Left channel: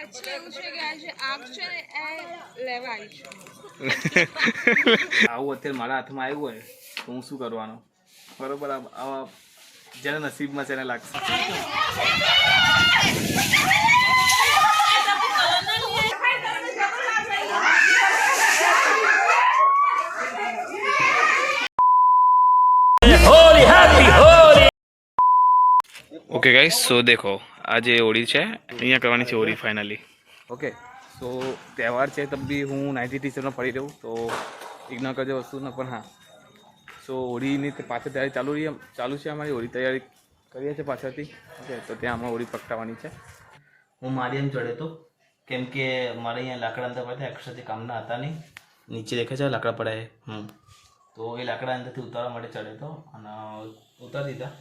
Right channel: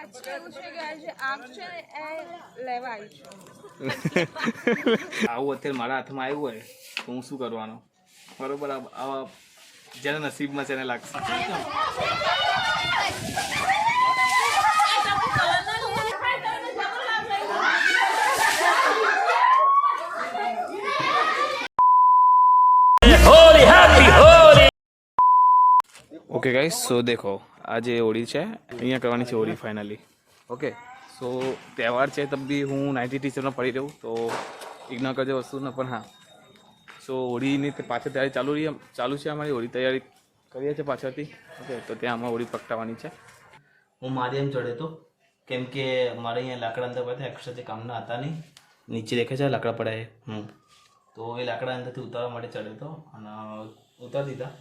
actually એવું છે કે આજે આંખ છે ને એ લેવા આવી છું. આવું અત્યારે મારા હાથમાં આવ્યું હોય તો હું શું કરવાનો? બરોબર, આવા જેને નસીબમાં છે એને લાગશે. ઓકે ગાઈસ, સો દેખો આજે હોળી છે, અહીંયા કરવાની છે હોળી ફાઇનલી. ઓકે, સો તહેવાર છે તબ બી હું 90 ટીચરમાં પડી રહું તો ઇગ્નોર કરજો વસ્તુ ને. પણ હા, સો હોળીની પાછળ તૈયારી ચાલુ છે અમારી. હોળી તૈયારી કરીએ છીએ પાછળથી. ઓકે, તો ત્યાં અમારે હોળી પકડાવાની છે. હું મારી એમ ચડે તો કેમ કે મારે અહીંયા લાકડા અંદર પડ્યા એક્સ્ટ્રાથી કામના હતા નહીં. નીચે દેખે છે લાકડા પડ્યા તો એ લાકડા અંદરથી ઉતારવા માટે ચડે તો અને ઉતારી દીધા.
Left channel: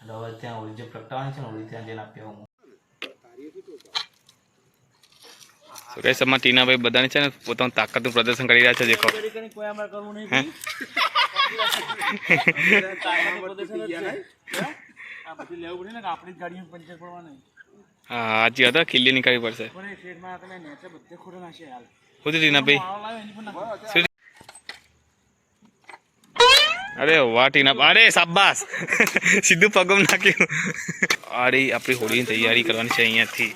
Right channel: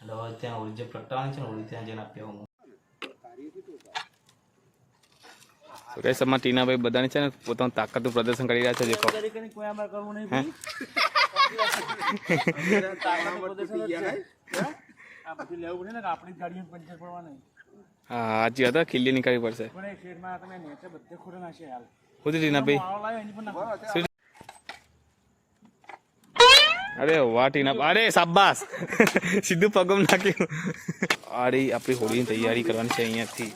અને હવે ત્યાં હોળી જે પ્રગટાવવાની છે ને હોળી ત્યાં જઈને આપી હું. તો કઈ સમા ટીનાભાઈ બધાની છે ને પોતાનું તાકાતનું પ્રદર્શન કરી રહ્યા છે. દેખો હા, સાચી હતા. ખીલ્લી નીકાળવી પડશે. ખુદ ટીનાભાઈ, અરે વાહ ટીના, અરે શાબાશ, સીધું પગમ નાખ્યું. અરે આપણી હોળીની તૈયારી કરવાની છે અહીંયાથી.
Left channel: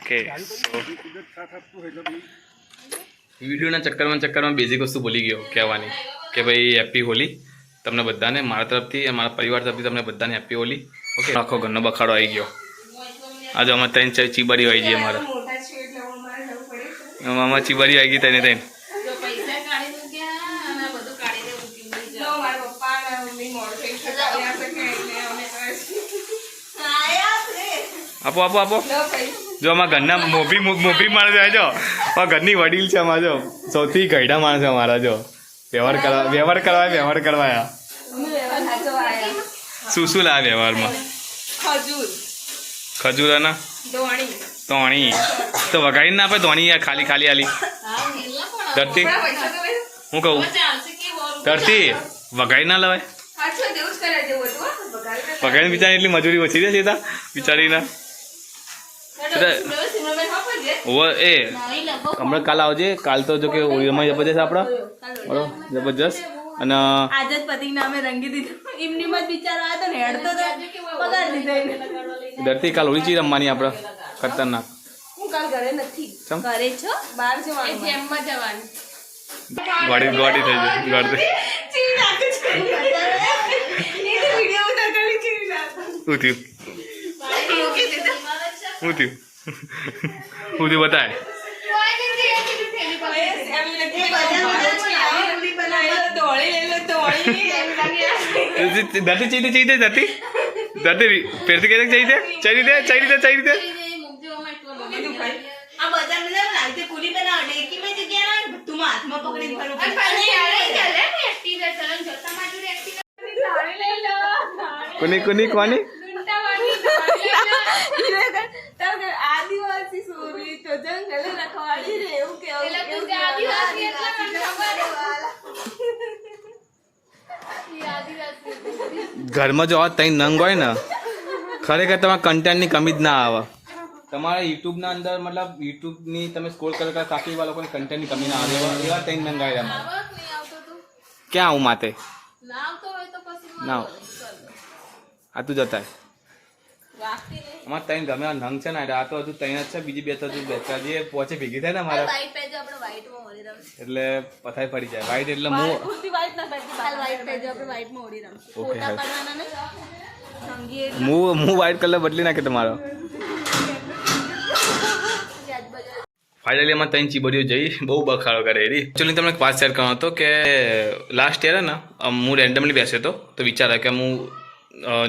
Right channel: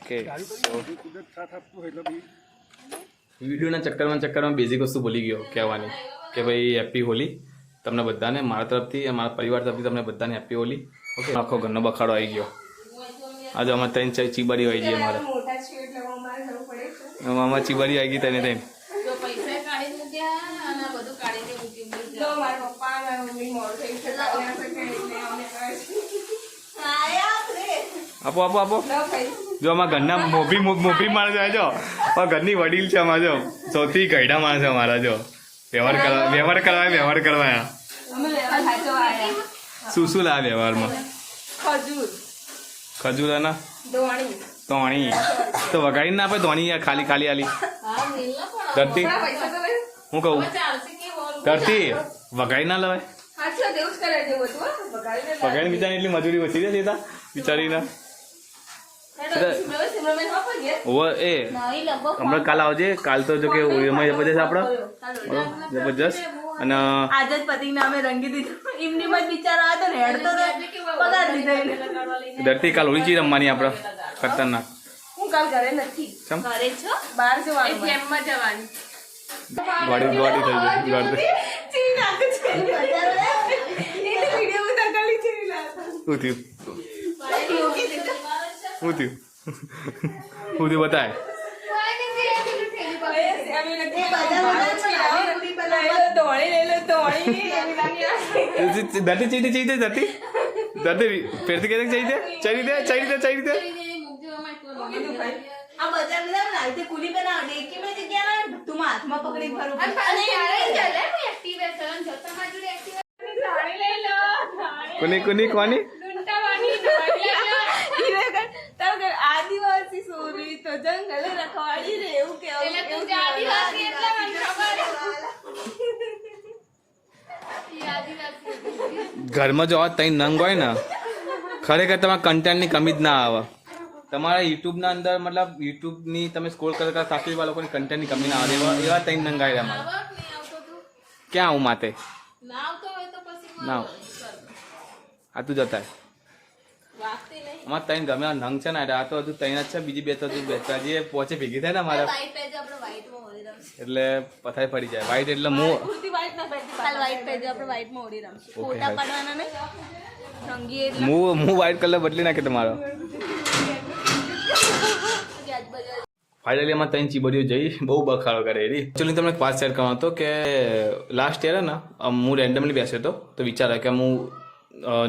ઓકે, વિડીયોના ચક્કરમાં બેઝિક વસ્તુ ભૂલી ગયો કહેવાની કે ભાઈ હેપી હોલી તમને બધાને મારા તરફથી, મારા પરિવાર તરફથી તમને બધાને હેપી હોલી. ઓકે, આખો ઘરનો બખાડો આવી ગયો. આજે અમારે 3-4 ચીબારી આવી ગઈ. અમારે મામા ચીબારી આવી ગઈ. તેને આપો આપો આપો. જો અમારા ઘરના મોભી માણસ આવે જો, ઘરની વડીલ છે અમારા, જો સૌથી ગયડા માણસ છે અમારા. જો વ્યવહાર કરવા શું લાવે વ્યવહારમાં? ખજૂર અને ધોણી તો વગાડી ના આપે. ધોણી ખાલી ખાલી આલી ધરતી. હું કહું ધરતી વગાડી ના લવાય. વગાડીને બિચારી એટલી મજૂરી ઓછી છે સીધા બિચારીના. એ હમણાં કાલ આવજે. કાલ તો જો કે હોળીમાં જબરજસ્ત આપડે બરોબર, જબરજસ્ત. અને આજ જ પતિ નામે રંગી દીધું. એમની માં બિચારો હતો ને હેડતો તો પગાર દીધો. ધરતી કાલ હોળી ચી રમવાની આપડે ખતરનાક. હું કાલ ઘરે નથી, ઘરે છો, બહાર જવાનું, જેમમાં જવાનું. ગોડી થઈ ગઈ ગોડી. શું થયું? બતાય. ધરતી ચાહીદે ધરતી ફેરથી કહે ચાહીદે. કોની આદિવાસી સોરી તો જંગલ રખવાડી રે એવું કેવું. ઘરમાં જો તઈ નંગ હોય ને ખરેખર તમારા કન્ટેન્ટની કમી જ ના આવે. તમારા યુટ્યુબના અંદર મતલબ યુટ્યુબની તમે સ્કોર કરતા સાસુ લોકોની કન્ટેન્ટની કમી ના આવે. એવા તઈ નંગ આવે અમારે. ક્યાં આવું માતે ના આ તું જતા અમારે તઈને ગમે નંગ છે ને. આ તો હજુ તઈને જ છે, બીજી બે તો હજુ બેઠા જે પહોંચે ભેગી થાય ને મારા એટલે પથાઈ ફરી જાય. વ્હાઈટ એટલે હું વ્હાઈટ કલર બદલી નાખે તમારો. ફાઇનલી એમાં 3 ચીબડીઓ જઈ બહુ બખાડો કરે. એકચ્યુઅલી તમને એક વાત શેર કરવાનો હતો કે લાસ્ટ યર ને હું રેન્ડમલી બેસ્યો હતો તો વિચાર કે હું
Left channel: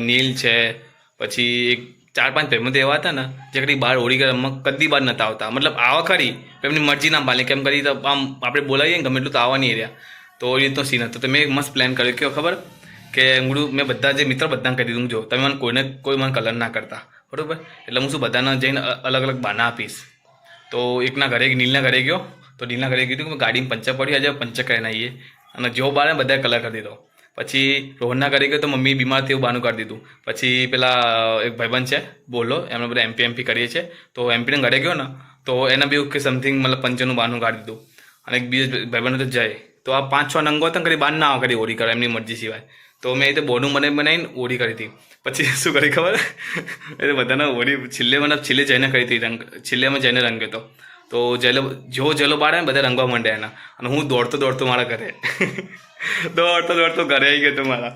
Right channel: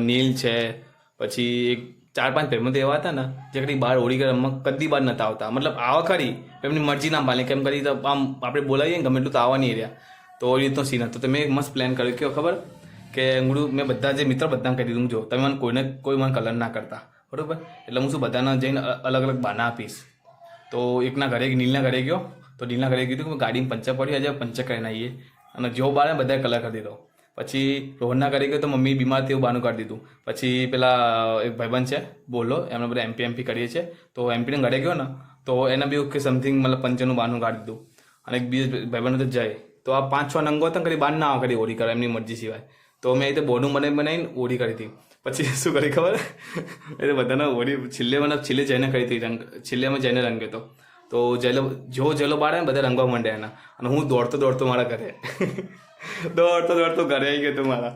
નીલ છે પછી એક 4-5 ભાઈબંધો એવા હતા ને જે કદી બહાર હોળી રમવા કદી બહાર નતા આવતા. મતલબ આવા ખરી એમની મરજી ના પાલે કેમ કરી તો આમ આપણે બોલાવીએ ને ગમે એટલું તો આવવા નહીં રહ્યા. તો એ રીતનો સીન હતો. તો મેં એક મસ્ત પ્લાન કર્યો કે ખબર કે મેં બધા જે મિત્રો બધાને કહી દીધું જો તમે મને કોઈ મને કલર ના કરતા બરાબર. એટલે હું શું બધાને જઈને અલગ અલગ બાના આપીશ. તો એકના ઘરે નીલના ઘરે ગયો તો નીલના ઘરે કીધું કે ગાડીમાં પંચર પડ્યું આજે પંચર કરીને આવીએ. અને જો બારે બધાએ કલર કરી દીધો. પછી રોહનના ઘરે ગયો તો મમ્મી બીમાર થયું બહાનું કાઢી દીધું. પછી પેલા એક ભાઈબંધ છે બોલો એમને બધા એમપી કરીએ છીએ તો એમપીને ઘરે ગયો ને તો તો એના બી કે સમથિંગ મતલબ 95 બહારનું કાઢી દીધું. અને એક બીજો ભાઈબંધ તો જાય. તો આ 5-6 નંગો હતા કરી બહાર ના આવે કરી હોળી કરે એમની મરજી સિવાય. તો મેં એ તો બોનું બનાવીને હોળી કરી હતી. પછી શું કરી ખબર એ બધાને હોળી છેલ્લે જઈને કરી હતી છેલ્લે અમે જઈને રંગ્યો હતો. તો જેલો બાળે ને બધા રંગવા માંડ્યા એના. અને હું દોડતો મારા ઘરે દોડતો ઘરે આવી ગયો હતો મારા.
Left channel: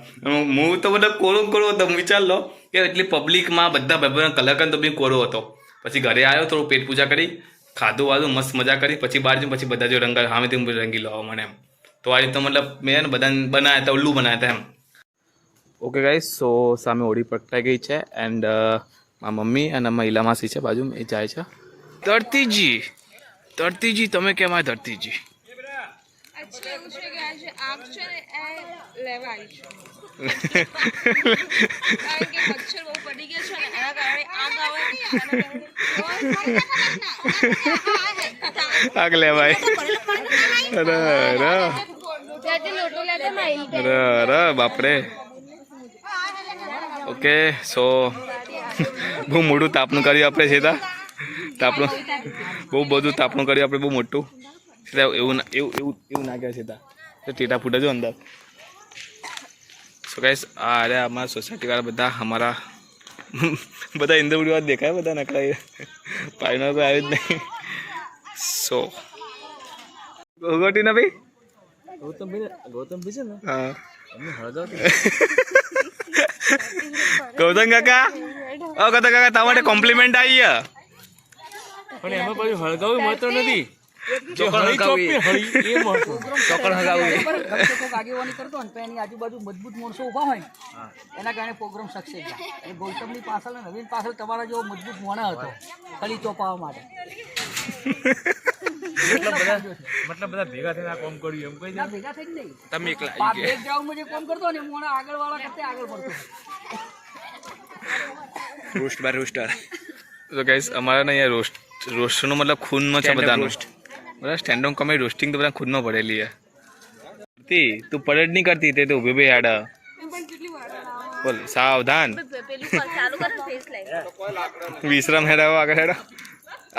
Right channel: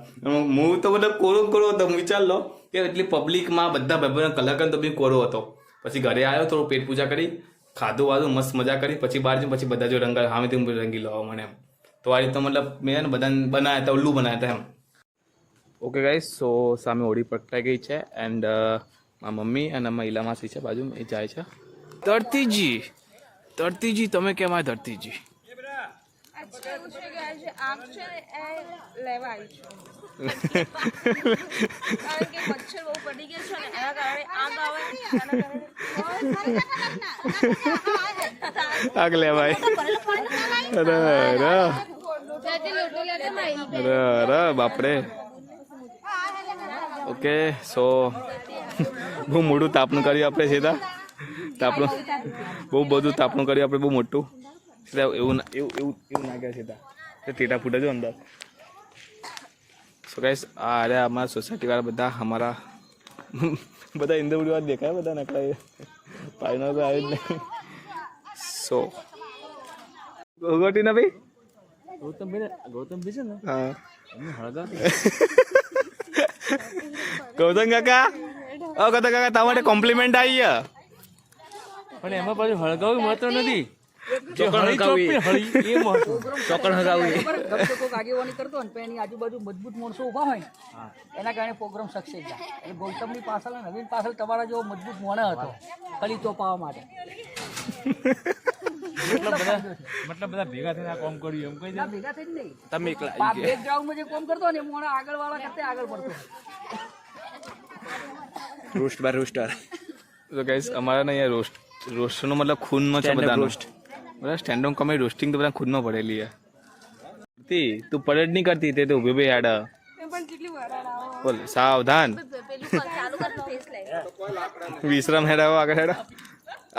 હું તો મતલબ કોરો હતો. વિચાર લો કે એટલી પબ્લિકમાં બધા ભાઈબંધ કલાકાર તો બી કોરો હતો. પછી ઘરે આવ્યો થોડું પેટ પૂજા કરી ખાધું વાધું મસ્ત મજા કરી પછી બહાર જઈને પછી બધા જો રંગા સામેથી રંગી લાવો મને એમ. તો આ રીતે મતલબ મેં બધાને બનાવ્યા હતા ઉલ્લુ બનાવ્યા હતા એમ. ઓકે ગાઈસ સો સામે હોળી પ્રગટાઈ ગઈ છે એન્ડ મારા મમ્મી અને મારા ઈલા માસી છે બાજુ એ જાય છે. ધરતીજી તમે કેમ આ ધરતીજી? એવું છે કે આજે આગ છે ને એ લેવા આવી છું કારણ કે મચ્છર બહુ પડી ગયા છે ને એના કારણે આગ આવે આગ લેવાય. અરે બાપરે. ઓકે સો બહુ મોટું તાપણું કર્યું આપણે સીધા તાપણું બહુ બધું તાપણું કર્યું આપણે બહુ મોટું સીધા એવું નાખ્યા સીધા ટેટા ફૂટે જો અંદર. સો ગાઈસ આ અરે અમારા સોસાયટીવાળા બધા અમારા બધા ઇન્દ્રપુરી વાત દેખાય બધા નકળાય પાણીનો તો આવ્યું જ નહીં. સો ગોગોટી ના ભાઈ ગૌતમ ભી છે ને હા ગૌતમ કાકા ગૌતમ કાકા તમારે કોમ્પ્લિમેન્ટ આવી ગયા પણ એમાં પાછું હળગાવું મળતો નથી. આજુબાજુ મજબૂત માણસો ઉભા હોય એના કારણે પ્રોગ્રામ સક્સેસ જાય. અને ગૌતમની પાછળ નવીન પાછળ તમારા જેવો મજબૂત મોણા હતો ખાલી ચોપાવા માટે. મતલબ બધા ભેગા થઈને કામ કર્યું એમ કઈ ભેગા થઈ નહીં તમે એકલા બેકગ્રાઉન્ડમાં જે કામ કરતો ને મોણા આગળ વાળા કરતા આગળ પડતો. તો ગાઈસ અમારા ને અહીંયા રોસ્ટનો મતલબ ખૂનમાં છે બધાનો. બધા સ્ટેન્ડ અપ કોમેડી રોસ્ટિંગ તો બધા ખૂનમાં પડેલી છે. તું પરેડ નહીં કરતી તે તો ઉભી યાડ બોલ સાવધાન વિશ્રામ હેડાવો આગળ હેડા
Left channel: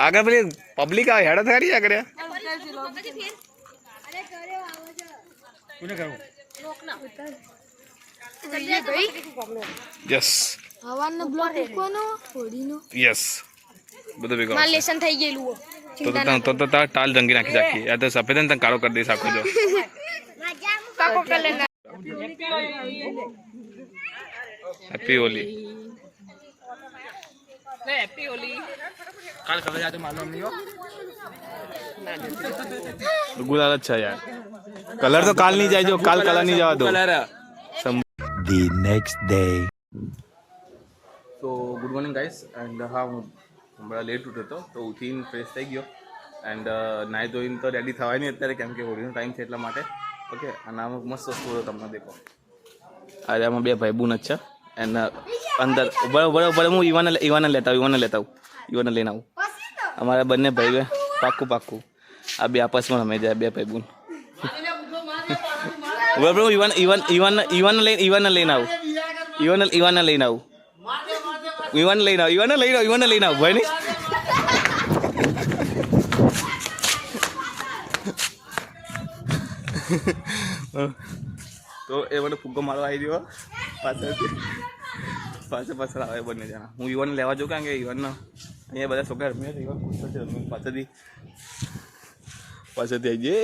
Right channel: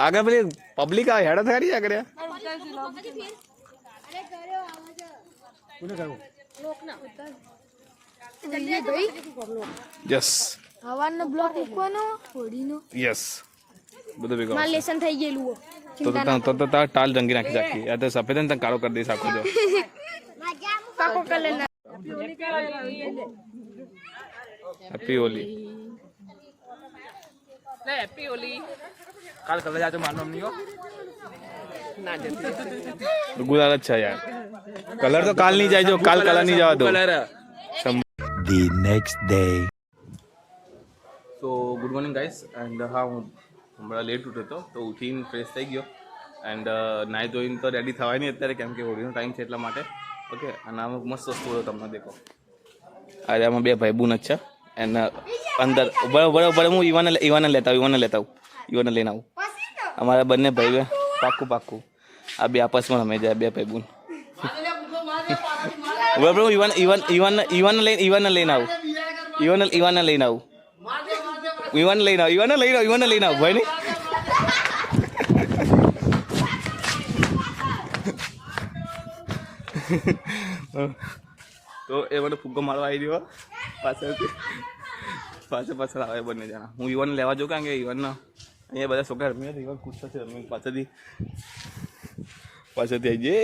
આગળ પેલી પબ્લિક આવે હેડા થારી આગળ યસ હવાનો બ્લોક મૂકવાનો હોડીનો યસ બધું ભેગું માર લેસન થઈ ગયેલું તો તાર ટાલ રંગી નાખી રાખી આ તો સફેદ ને તને કાળો કરી દઈશ આખો જો કાકો colour happy Holi happy Holi. કાલ ખબર આજે માનવા નહીં હો ગુલાલ જ છે યાર કલર તો કાલ નહીં જાય જો કાલ કલર નહીં જવા દો. The next day. તો ગુડ મોર્નિંગ ગાઈસ એન્ડ હા હું હમણાં લેટ ઉઠ્યો હતો તો ઉઠીને ફ્રેશ થઈ ગયો એન્ડ નાહી ધોઈને તો રેડી થવાય નહીં અત્યારે કેમ કે હોળીનો ટાઈમ છે એટલા માટે. ઓકે અને આમાં મસ્ત વસ્તુ તમને દેખો અરે આમાં બે ભાઈબૂન જ છે એન્ડ અંદર બરાબર હું ઈવાને લેતા આવું ઈવાને લઈને આવું અમારા બંને ભાઈ પાક્કું આ બે આપસમાં રમે જાય બે ભાઈબૂન બરાબર હું ઈવાને લઈને આવું ભાઈ નહીં તો એ મને ફુગ્ગો મારવા આવી રહ્યો પાછળ આવે બંને જણા. હું ઈવાને લેવા જાઉં કારણ કે ઈવાનના અહીંયા બધા છોકરા રમ્યા ઈવાન ખુશ થશે રમી પાછળથી આવી જઈએ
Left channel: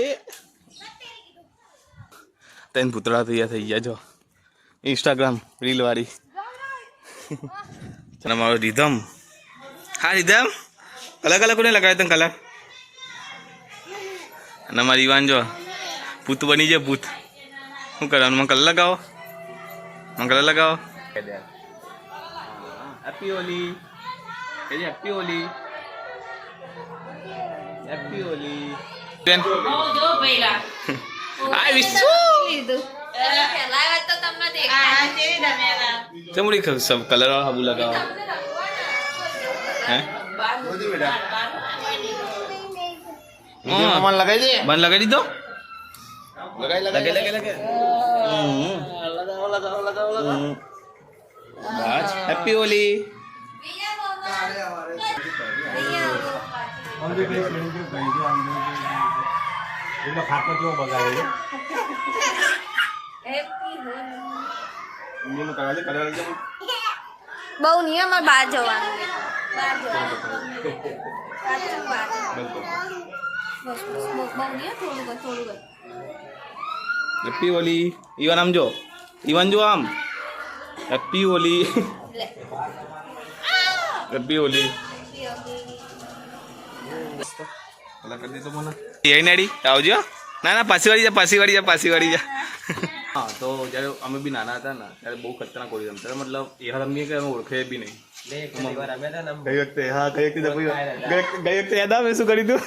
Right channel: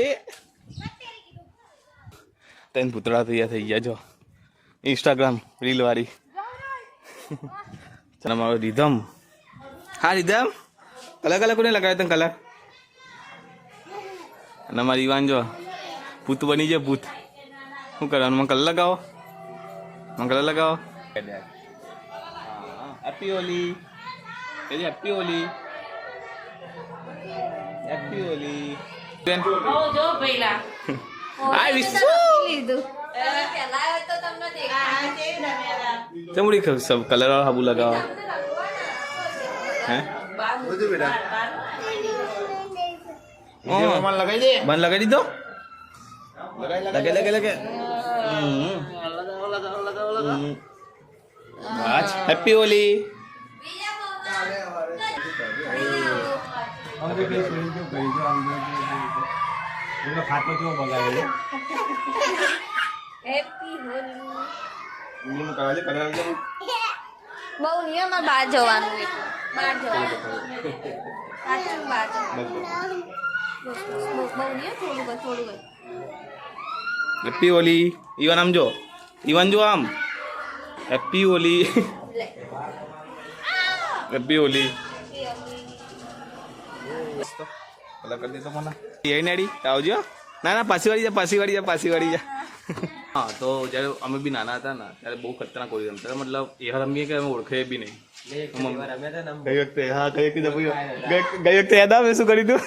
ત્રણ પૂતળા તૈયાર થઈ ગયા જો ઇન્સ્ટાગ્રામ રીલ વાળી. અને મારો રીધમ હા રીધમ કલર કોને લગાવ્યો તને કલર અને મારી ઈવાન જો ભૂત બની જાય ભૂત શું કરવાનું મને કલર લગાવો હેપી હોલી હેપી હોલી હાય વિશ્વ ચમડી સબ કલર વાળા હાબુ લગાવો હે બન લગાવી દીધો લગે હેપી હોલી આમ જો પેલી પેલી કેવું કરી જો આમ એનો ખાટલો કેવો બગાડ્યો હેપી હોલી ઇન્ડિયન કલર છે કલર છે બહુ નિયમ બહાર જવાનું બહાર જવાનું સાચું બહાર બહુ નિયમ થોડું કર હેપી હોલી ઈવન આમ જો ઈવન જો આમ હેપી હોલી લે હેપી હોલી કલર કરી દેતો મને એ નેડી આવજો ના ના પાછી વાળી જા હા તો જ્યારે અમે બી નાના હતા ને ત્યારે બહુ ખતરનાક હોળી રમતા મતલબ એ રમીએ કે અમે ઓળખે બી નહીં ગઈ વખતે યાદ આવે શું કરી તું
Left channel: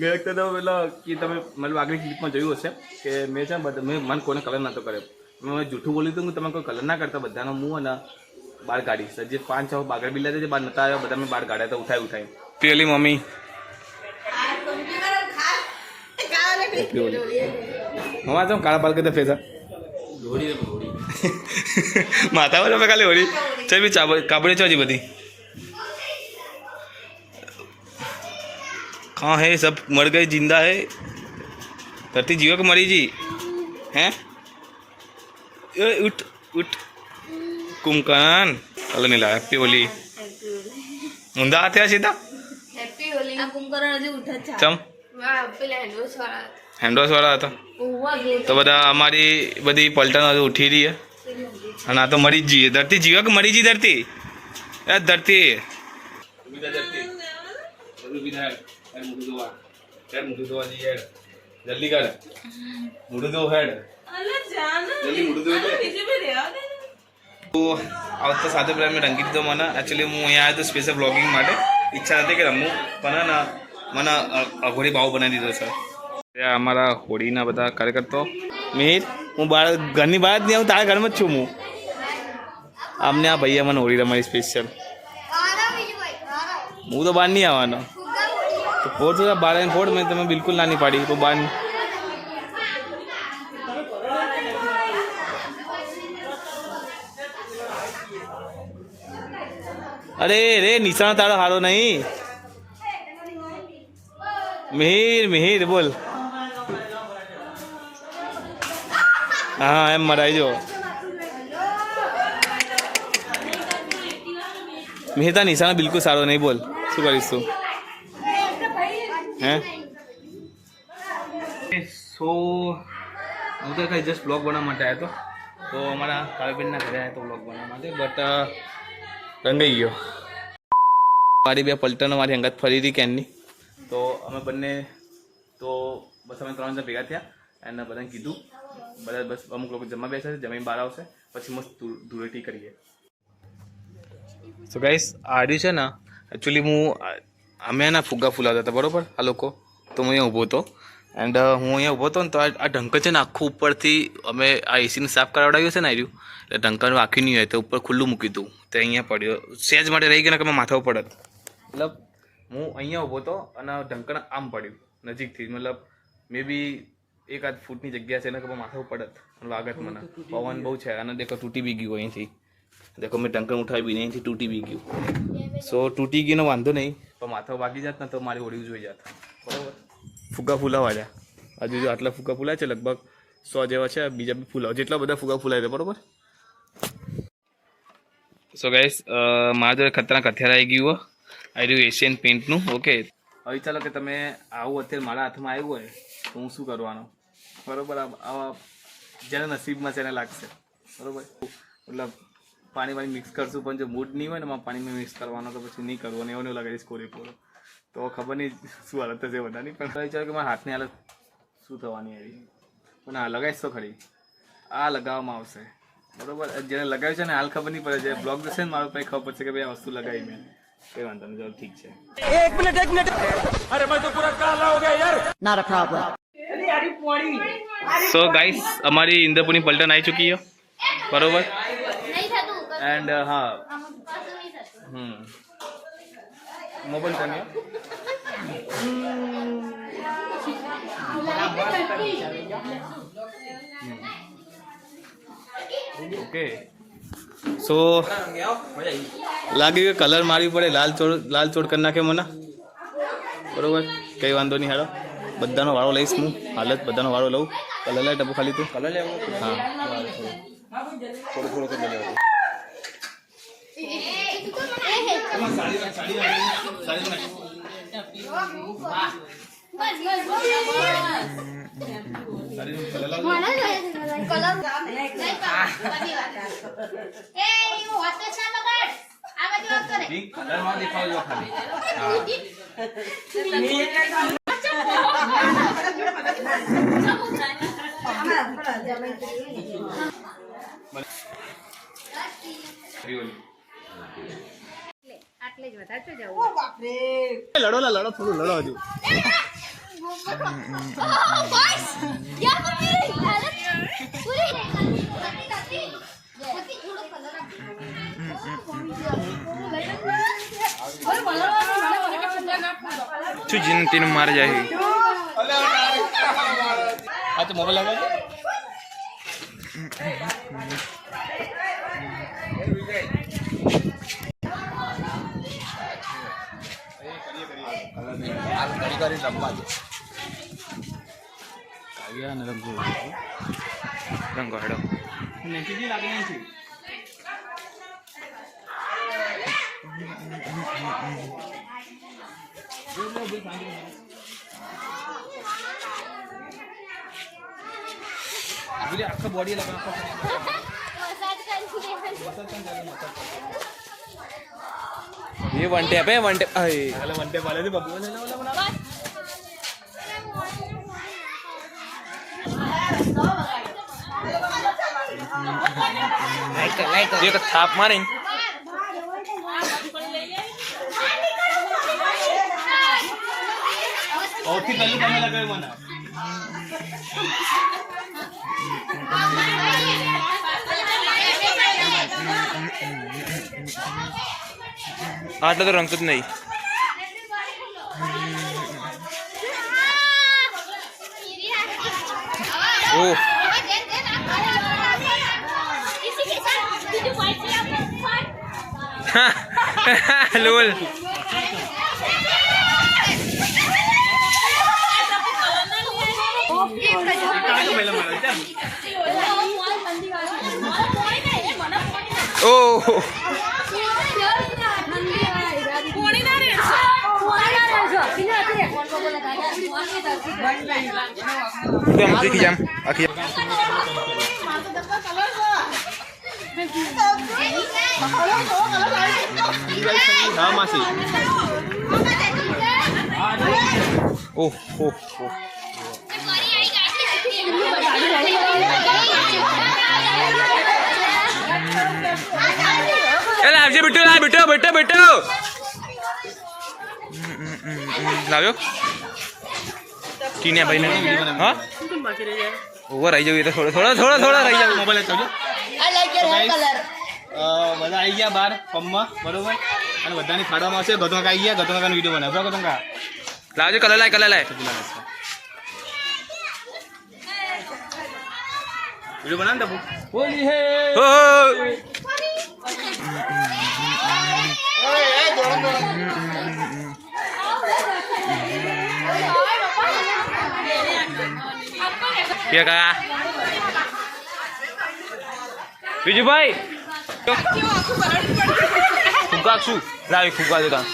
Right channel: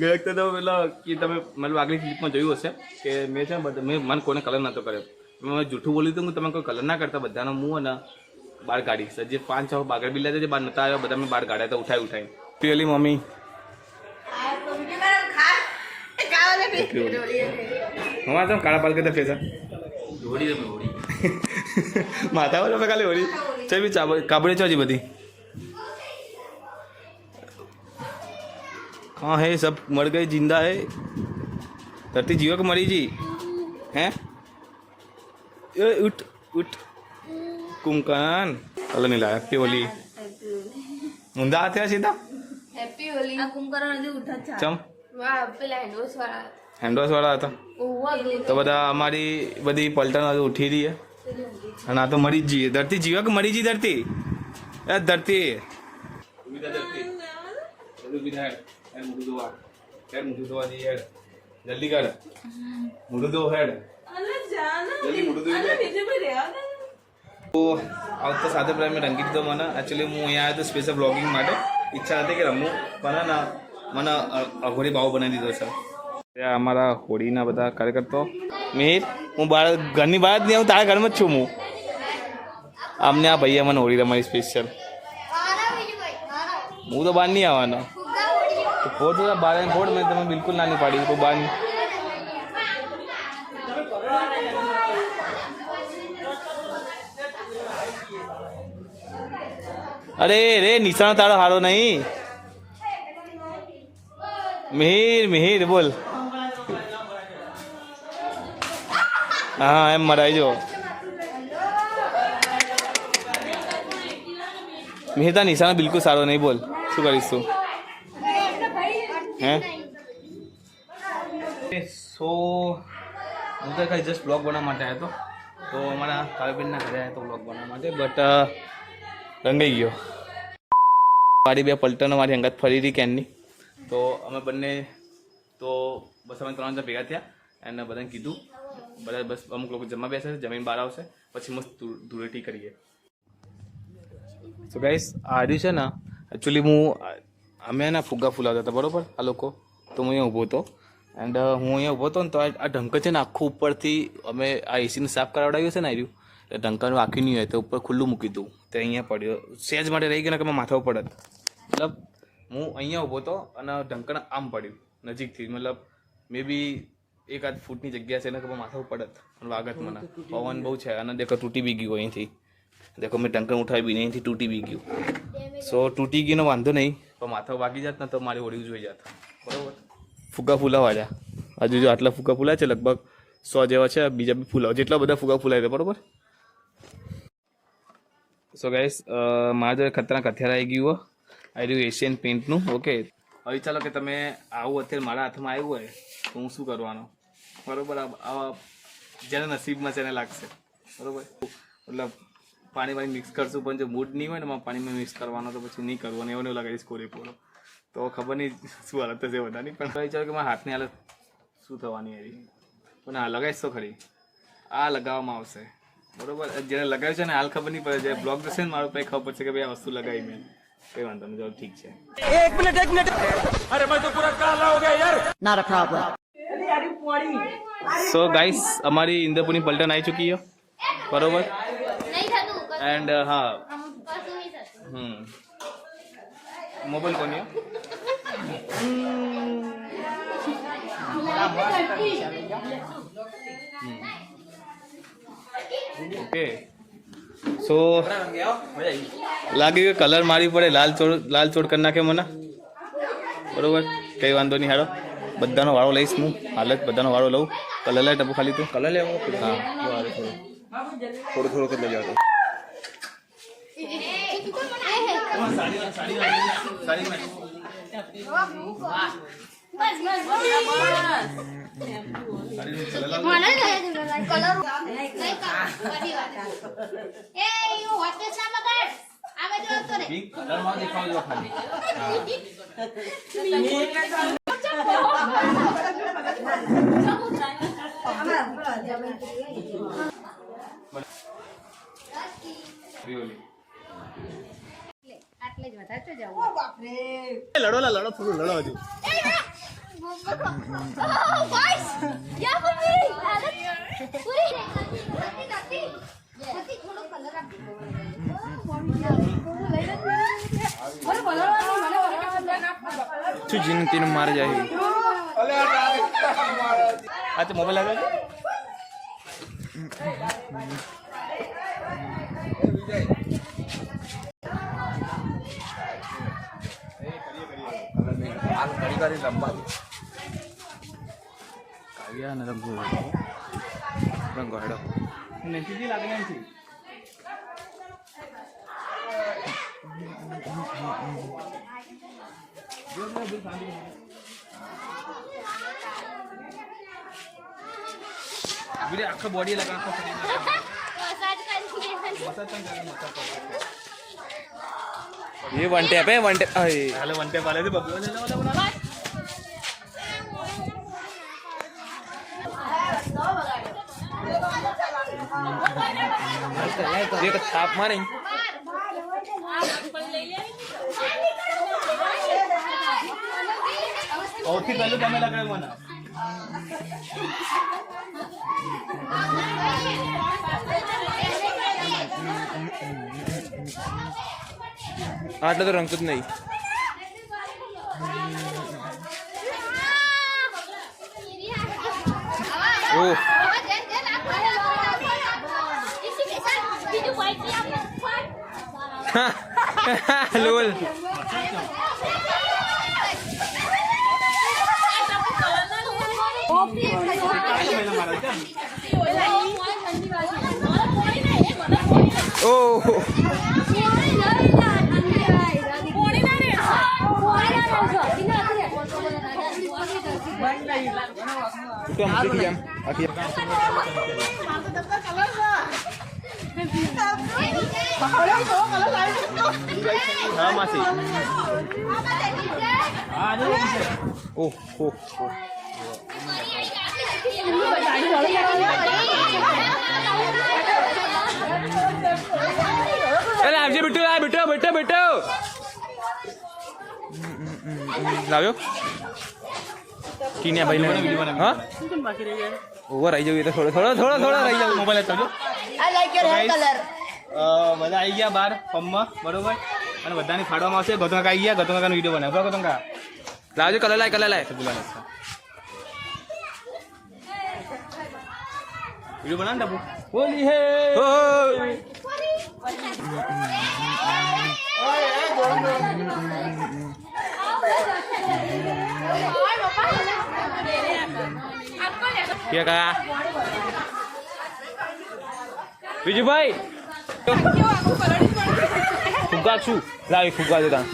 ગઈ વખતે તો મતલબ કે તમે મતલબ આગલી ક્લિપમાં જોયું હશે કે મેં છે મેં મન કોઈને કલર નહોતો કર્યો મેં જૂઠું બોલ્યું હતું તમે કોઈ કલર ના કરતા બધાનો મું અને બહાર કાઢીશ જે 5-6 બાગડ બિલ્લા જે બહાર નતા આવ્યા બધા મેં બહાર કાઢ્યા તો ઉઠાઈ પેલી મમ્મી હમણાં તો કાળા પાલ કરતા ફેસા માથા પર ખાલી હોળી ચાલ બી કાબડી ચોજી બધી कहाँ है सब मर गए जिंदा है धरती जीवा को मरी जी हैं उठ उठ कुमकान कल नहीं लाया हैप्पी होली मुंदा आते हैं सीधा હેપી હોલી આ કુંભકરણ હજી ઉઠા છે ચમ વાહ પેલા હેન્ડવોશ વાળા હતા તો બધા અમારી બધી પલટન હજુ ઉઠી રહી છે અને આ તો મરી જ જઈએ ધરતી જીવા કે મરી જી ધરતી એ ધરતી मुझे दो जी हेड जल्दी कर मुझे दो हेड जल्दी मुझे दो तो આવતા સાથે પહેલાં મેં રંગી દીધો મને એકચ્યુઅલી હું અહીંયા આવ્યો તો સ્પેશિયલ બ્લોગિંગ માટે ઈચ્છા નથી કે રમું પણ ને મને અઘોરી બાવ બનાવી દીધો છે ત્યાં અમારા હોળીના બધા કાર્યકર્તાઓ મિહિર હું બહાર ઘરની બહાર જ નહીં આવું તારા ઘરમાં જ છું હું આમને આ ભૈયા મને હોળી રમાડી સ્પેશિયલ હું તો બહાર નહીં આવવાનો तो फोड़ तो बारह फोड़ में तो मैं बिल्कुल ना नहीं पाड़ी तो बार अरे रे निशान तारा हारो नहीं मिहिर बोल हाँ एम मराई जो मिहिर ता निशान बिल्कुल सारो नहीं बोल शू करीश तू हैं सो હું તો કાંઈ જસ્ટ બ્લોગ બનાવવા માટે આવ્યો હતો તો અમારા કાવ્યબેનના ઘરે આવ્યો તો બ્લોગ બનાવવા માટે બટ રંગાઈ ગયો મારી બે પલટનો મારી અંગત ફરી હતી કેનની તો અમે બંને તો બસ અમે 3 જણ ભેગા થયા અને બધાને કીધું બધા બસ અમુક લોકો જમવા બેસે છે જમીન બહાર આવશે પછી મસ્ત ધૂળેટી કરીએ સો ગાઈસ આ રહ્યું છે ને એકચ્યુઅલી હું અમે એના ફુગ્ગા ફૂલાવતા હતા બરાબર આ લોકો તો હું અહીંયા ઊભો હતો એન્ડ હું અહીંયા ઊભો હતો ને તો આ ઢંકર છે ને આખું ઉપરથી અમે આ એસીને સાફ કરાવડાવ્યું છે ને આવ્યું એટલે ઢંકરનું આખી નહીં હોય તો ઉપર ખુલ્લું મૂકી હતું તો અહીંયા પડ્યો સહેજ માટે રહી ગયો ને કે મેં માથા પડત મતલબ હું અહીંયા ઊભો હતો અને ઢંકર આમ પડ્યું નજીકથી મતલબ મે બી 1-8 ફૂટની જગ્યા છે ને કે માથા પડત અને વાગત મને પવન બહુ છે અને દેખો તૂટી બી ગયું અહીંથી देखो मैं ढंकन उठावी भी नहीं थी टूटी भी गયું સો તૂટી ગયું ને વાંધો નહીં પણ માથા વાગી જાત ને તો મારી હોળી જોઈ જાત બરાબર ફુગ્ગા ફૂલાવા જા હજુ જો આટલા ફુગ્ગા ફૂલાય છે લગભગ 100 જેવા છે બીજા બી ફૂલાવ જેટલા બધા ફુગ્ગા ફૂલાય છે બરાબર સો ગાઈસ મારા જોડે ખતરનાક હથિયાર આવી ગયું આવી રહ્યું એશિયન પેઇન્ટનું ઓકે હવે ચાલો કે તમે આવું અત્યારે મારા હાથમાં આવ્યું હોય તો હું શું કરવાનો બરાબર આવા જેના નસીબમાં છે એને લાગશે બરાબર મતલબ પાણી મિક્સ કરશું પણ જો મૂડ નહીં હોય ને પાણીમાં મિક્સ કરવાનો તો પછી નહીં કરવાનું એવું નહીં લગાવીશ પૂરેપૂરો તો ખબર નહીં શું હાલત થશે બધાની પણ વિચારો કે મારા હાથની હાલત શું થવાની એવી પણ હા લગાવીશ તો ખરી આ લગાવવામાં આવશે બરાબર જેને લગાવ્યું છે ને હાલ ખબર નહીં પડે જે બ્લોગ જશે ને મારું પછી ખબર પડશે કે ભાઈ આ વસ્તુ લગાવી મેં કંઈ વાંધો નહીં ચાલો ઠીક છે एक मिनट अरे मैं तो पूरा काला हो गया यार not a problem so guys અમારી ઇન્દ્રપુરની પલટન આવી ચૂકી છે બરાબર एंड हाँ मोबाइल कौन है ओके सो लागे कलर मारी पड़े लाल चोड़ करना के मना બરોબર, કંઈ વાંધો નહીં. હાલો, બધાનો વાળો લઈશ હું. હાલત બધાનો વાળો લઉં. કલર લાય ટપુ ખાલી તું. કલર લેવો? હા, થોડું થોડું કરી લેવો. લડો થોડું લડો હજુ. શું જીનતીનું મારે જાય. આ તો મોબાઈલ લાગે છે. કાવ્યા ને રંગો હેડો. આખા બોડી લगा ये वन टैप है. वन टैप वन टैप वाले थे बब्बू ने एक थाप मारे. और फिर चालू करने लगे मना. આટલા તો રંગતું જ નહીં. ઓહ લોલ. ઓહ આખી જામ આખી. ઓહ ઓહ ઓહ. લાવજે બેટો, બેટો બેટો બેટો લાવ્યો. ટીને ભાઈ ને હા ઓવર આવી જવું. થોડો થોડો થોડો થોડો રહી જાવ. મોબાઈલ ચાલો. I like your hair colour. બધા આવી ગયા બહાર પંપમાં. બરોબર, અને બધાને ખાડવામાં આવશે. ગતોંકા આવી ગયા. ગતોંકાનો વિડીયો બનાવ. બરાબર ગતોંકા લાવજો. કલર લાય કલર લાય. વિડીયો બનાવ ને હોલી હે. બીજું ભાઈ ફુગ્ગા શું લાવી. ફુગ્ગા દેતા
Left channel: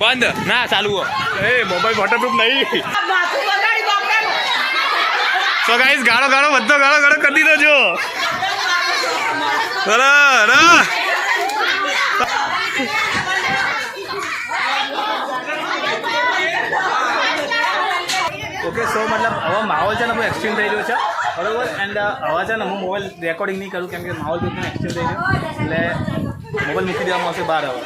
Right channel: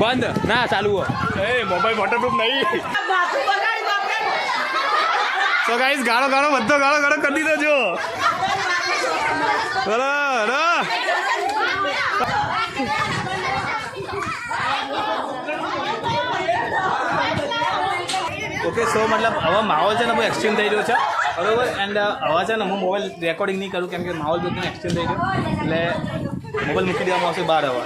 બંધ ના ચાલુ. મોબાઈલ વોટરપ્રૂફ નહીં. સો ગાઈસ ગાળો ગાળો બધો ગાળો ગાળો કરી દીધો. જો ઓકે. સો મતલબ હવે માહોલ છે ને બહુ એક્સચેન્જ થઈ રહ્યો છે. બરોબર, એન્ડ હવે છે ને હું મોબાઈલ રેકોર્ડિંગ નહીં કરું કેમ કે માહોલ બધું એક્સચેન્જ થઈ ગયો. એટલે મોબાઈલ મૂકી દેવામાં આવશે બહાર. હવે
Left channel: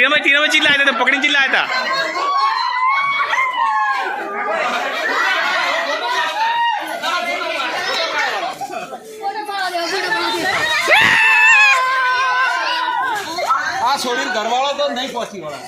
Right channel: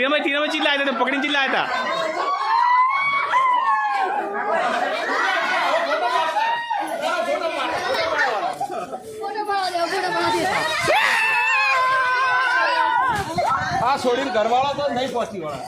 ટીનામાં ચીલાયા હતા પકડીને ચીલાયા હતા. આ છોડીને ઘરવાળા તો નહીં પહોંચી વળે.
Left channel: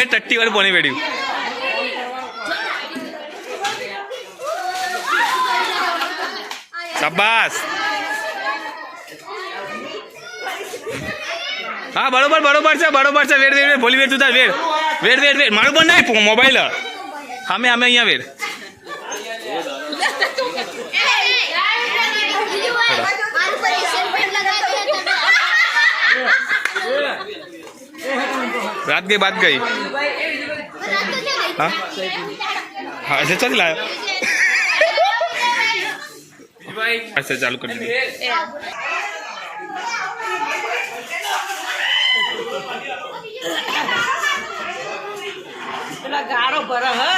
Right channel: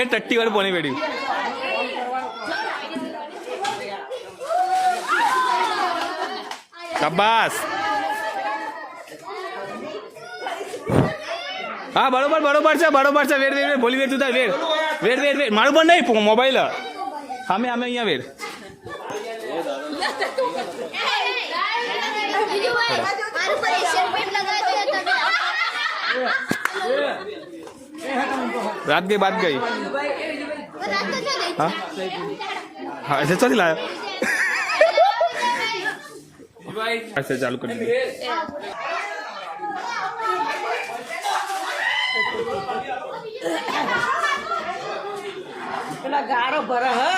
એ ટટ્ટી વાળું પાણી વેડ્યું. શાબાશ. હા બરોબર છે વેડ ભોલી વેડ તું તાર વેડ મારું પણ નહીં મોબાઈલ અમે અહીંયા વેડ. रात गई बात गई. हाँ हाँ ऐसे चल लाया. ऐसे चालू कर दीजिए. ગારો ભરે હે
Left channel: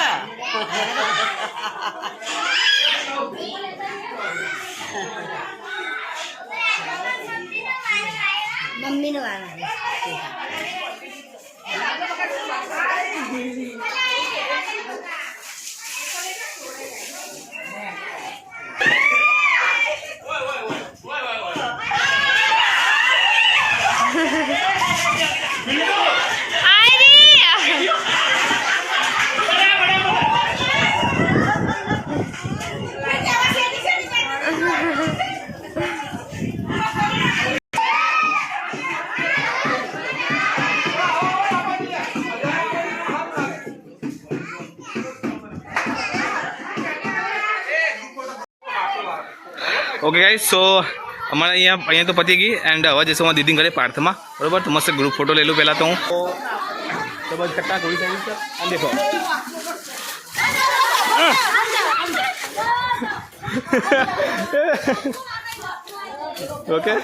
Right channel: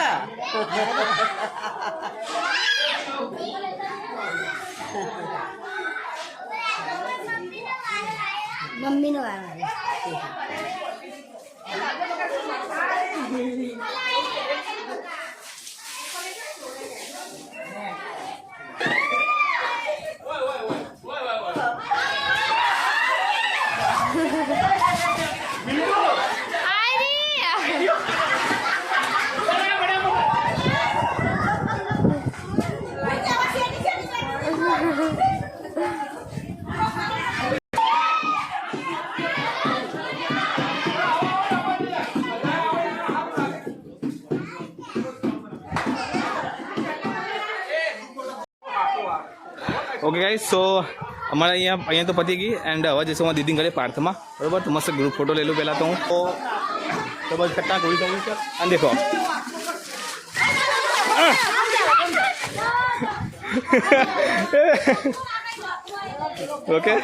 મમ્મી નો વાળા ઓકે ગાઈસ સો અમારે અહીંયા તો પતી ગઈ એન્ડ હવે જઈશું અમારા દીદી ઘરે પાર્થમાં બરોબર. તો મસ્ત ગ્રુપ ફોટો લઈ લઉં પહેલાં તો હું. તો બસ ખટ્ટા ગોળી કરી છે અને દેખો ઓકે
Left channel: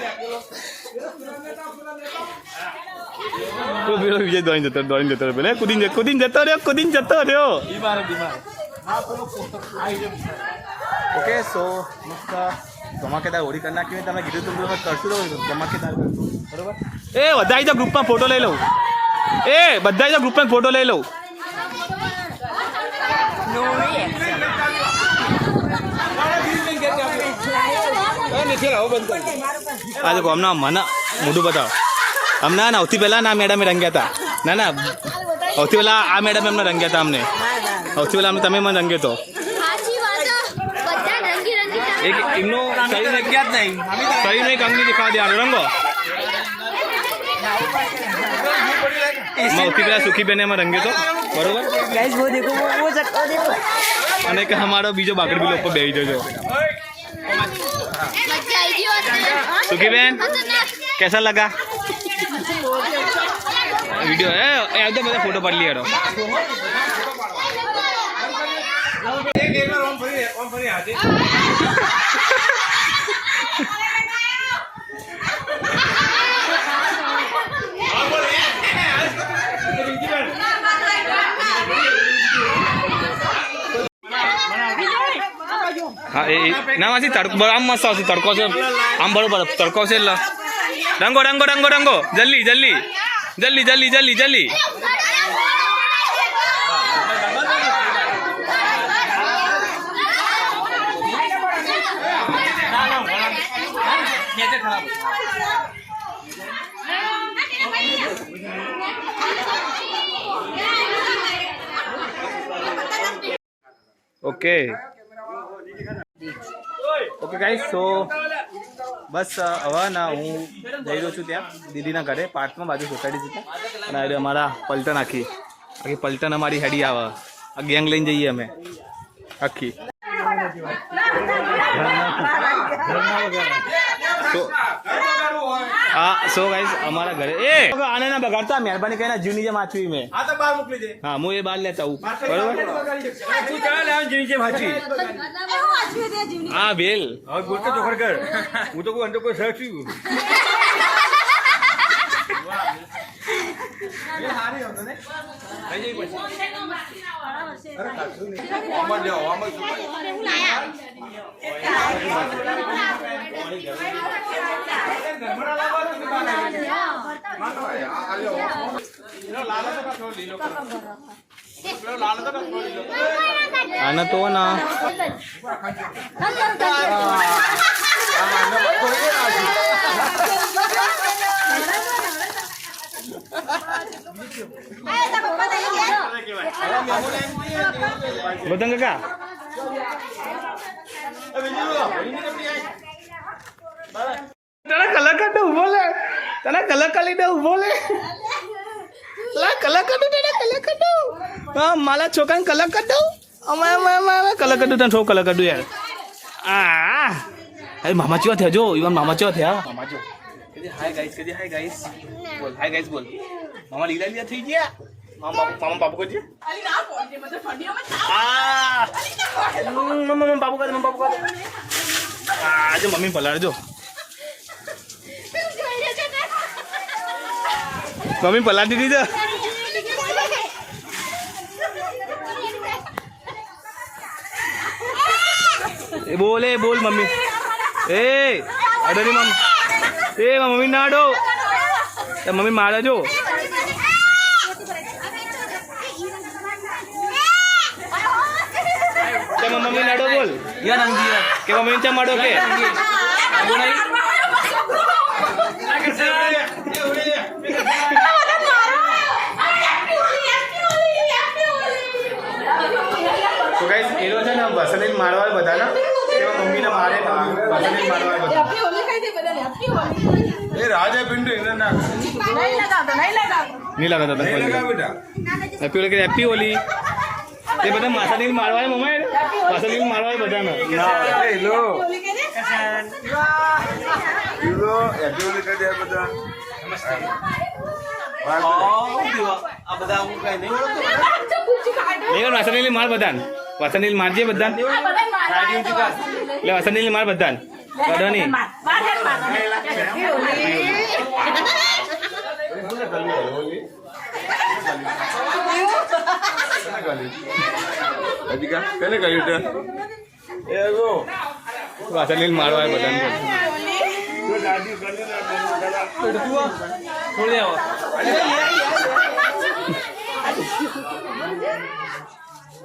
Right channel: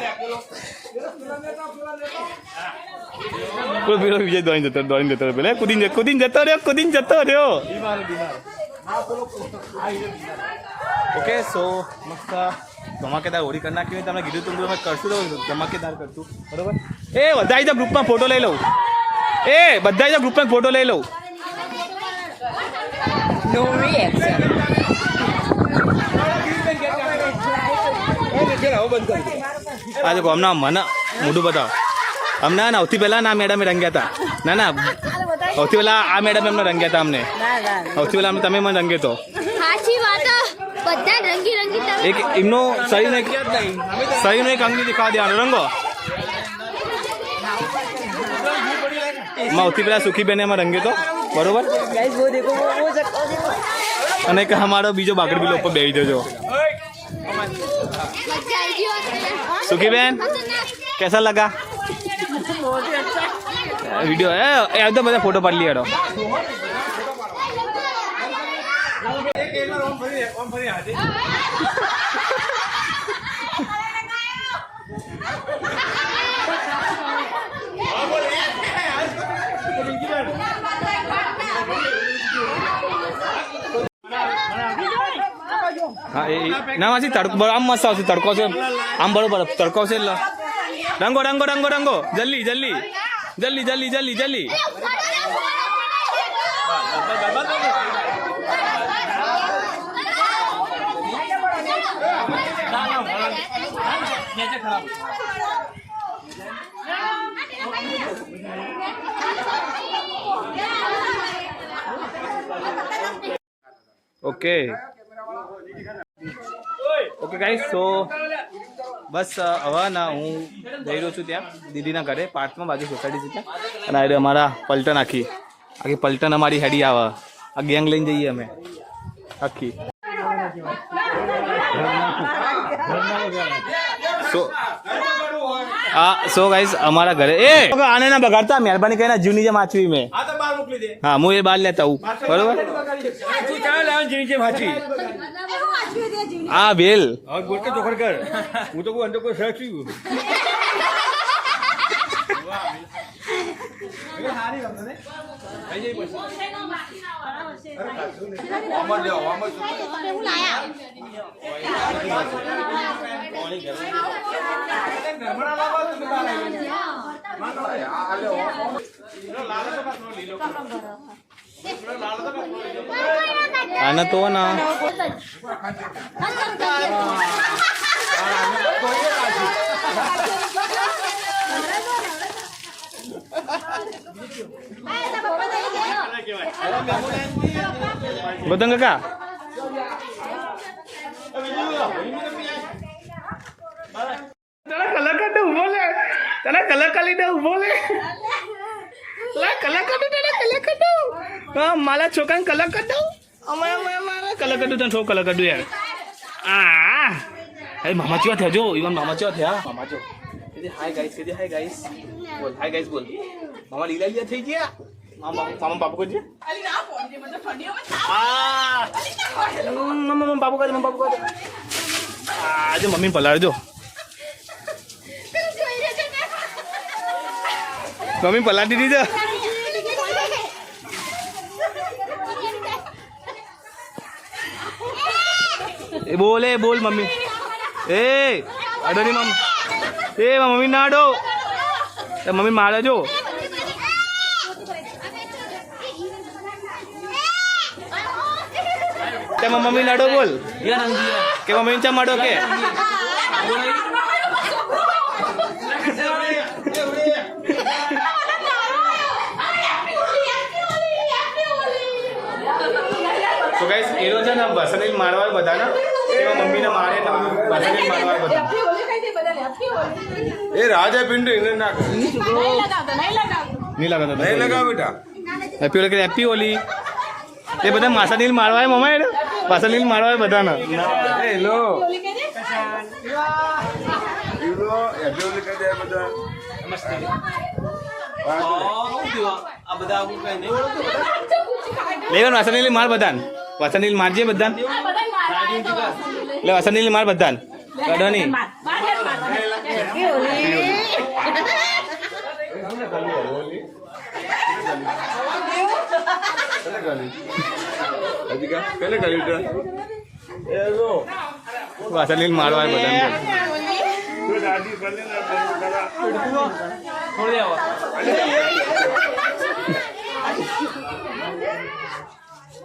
પેલો વિજય દોડીને જતો પેલા કુદીને જતો રહ્યો. ઓકે સો મસ્ત ધમાકેદાર હોળી કરી નાખી. તમને કીધું તું તમે કરશું તો ધમાકેદાર કરશું બરોબર. એ બધા તો ગ્રુપમાં ફોટો લઈ લઉં. બધા તો ગ્રુપમાં ફોટો લઈ લઉં. આ જો હમણાં મને મોઢું બતાવો. હમણાં સૌથી પહેલાં ના મેડમે રંગ્યા હતા. ના સૌથી પહેલાં આ મેડમ એમને રંગ્યા હતા. અમને સૌથી પહેલાં તમે મને રંગ્યો હતો. એમનો શરીરને ક્યાં જ નહીં શરીરનો એક અંગની દેખાવા દેવાનો રંગો. સૌથી પહેલાં સુખીબેને એમાં રંગ્યો હતો બરોબર. અને કે અમારો બીજો બાકડ બિલો ઉપર બેસી જજો. સુખીબેન कैसा लगा वीडियो है तो બધા ફોટો પાડી લીધો. હા એ ના માસી તડકો આમ મસ્ત આવશે. તડકો છે આમ બરોબર તડકો છે. એટલે રંગો રંગો રંગો રંગો જલ્દી જલ્દી જલ્દી જલ્દી જલ્દી જલ્દી. ઓકે ઓકે ગાઈસ સો બસ હવે ના હું જઈ રહ્યો છું ત્યાં દીદીના ઘરે પાર્થમાં બાજુ સોસાયટી છે અને આવી અમારા પલટન આખી પલટન અમારી હેડી આવે. આ ગેંગ લઈને જઈએ અમે આખી. સો ગાઈસ અમારા ઘરે આને ના બગાડતા મહેરબાની કરીને જીવની જેમ વાંચવી મેં. હા હું એ બાર લેતા હું બરોબર. આ બેલ ગોટે ચોખડ કર. હું તો કોઈ અંદર કોઈ સર્ચ આના તો ના બતંગ કાકા તને કલાકાર ને ઉભો લે તને કલાકાર લીધે ઉભો લે કલાકાર હા મારા છોકરાને કલાકાર દઉં અમારે કલાકાર દઉં તને છો કલાકાર દઉં યાર અરે મામા ચેવા થયા જો ઇવન મામા ચેવા થયા મામા જો હાય ગાઈસ બોલ હાય ગાઈસ બોલ મામા લીલા થઈ ગયા મામા પાપુ કરજે મમ્મી પાપુ કરે આજે મમ્મી પલાળજો મમ્મી પલાટી દીધો એ બોલ મમ્મી એ અડોની મમ્મી ના અડો મમ્મી મારે જો મમ્મી નાડો બોલ કે મમ્મી ચા માડો કે તો ગાઈસ હીરો છે ને વસનીલ મારવા બધાના એમાં મમ્મીને મારે તો વસનીલ મારવા બધા એ રાજા પિંડુ એને ના નહીં લગાવતા હેપી ઓલી હેપી ઓલી એ બધા માસાનીલ મારવા મમ્મા માસાનીલ મારવા બધાના વાસનીલ માર બધા વાસનીલ મારજે બધા એટલે વાસનીલ માર બધા કડવાની વાસનીલ મારવા બધા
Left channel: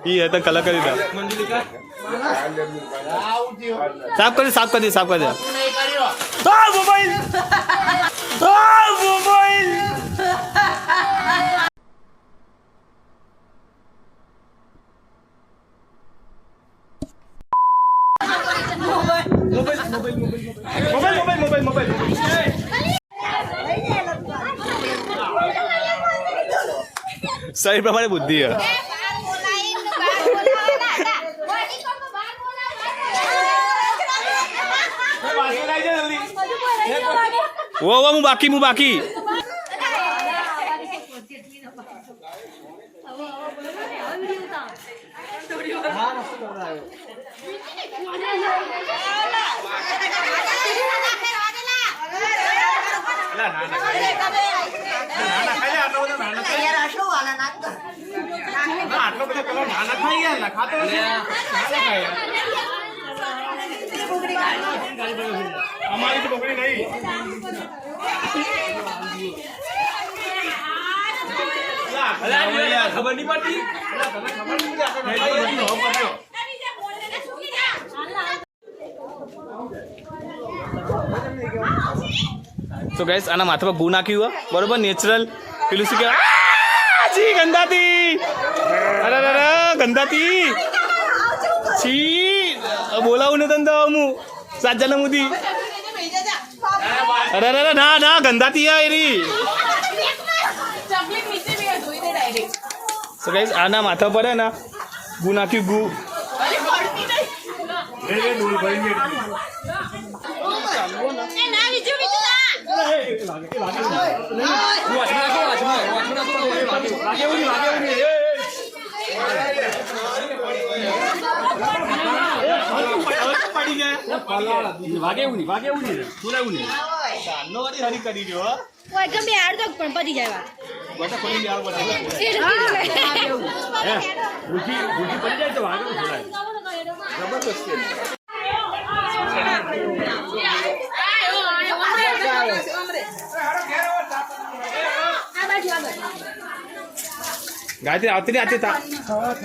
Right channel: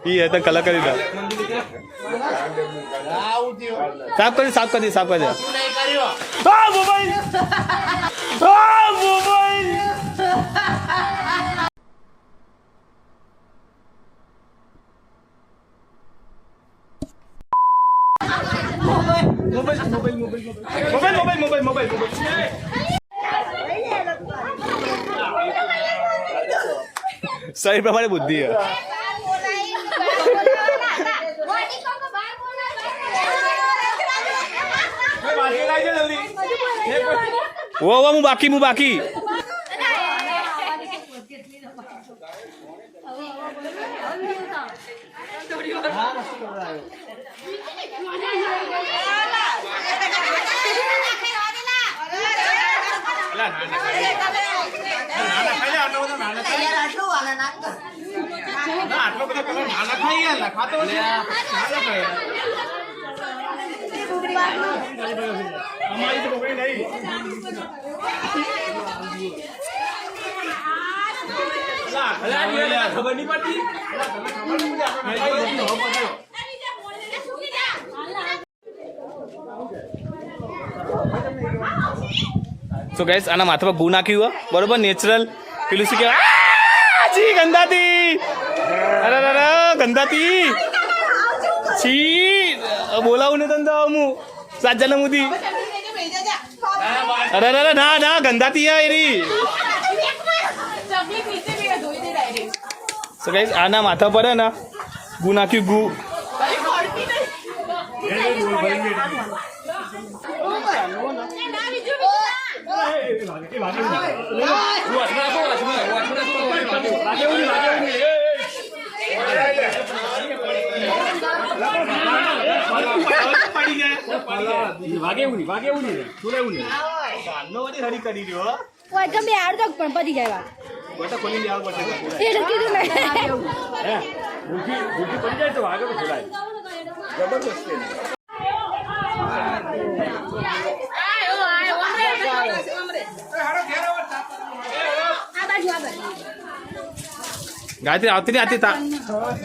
ये है तो कलाकारी था साफ कर दे मोबाइल सही प्रमाणे बुद्धि है वो मुँह बाकी हमारी तो पकड़ी नहीं खबर नहीं पड़ती तो गाइस आना माथा पर गू नाखी हुआ बरोबर नेचरल पेलू से क्या जी गंदाती अरे गंदाती छी बोलावू ने तंदा मु 7 जण मुदी अरे ना गंदाती है एरी सो गाइस आना माथा पर है ना गू नाखी गू ગણપતિ જાય વાત ગોટા ખોલી દેવાનું પડશે. હે? ગુજી પડી જાય તો વાગે તો ખોલાય. જબરદસ્ત છે. ગાયત્રી આવતી નહીં આતી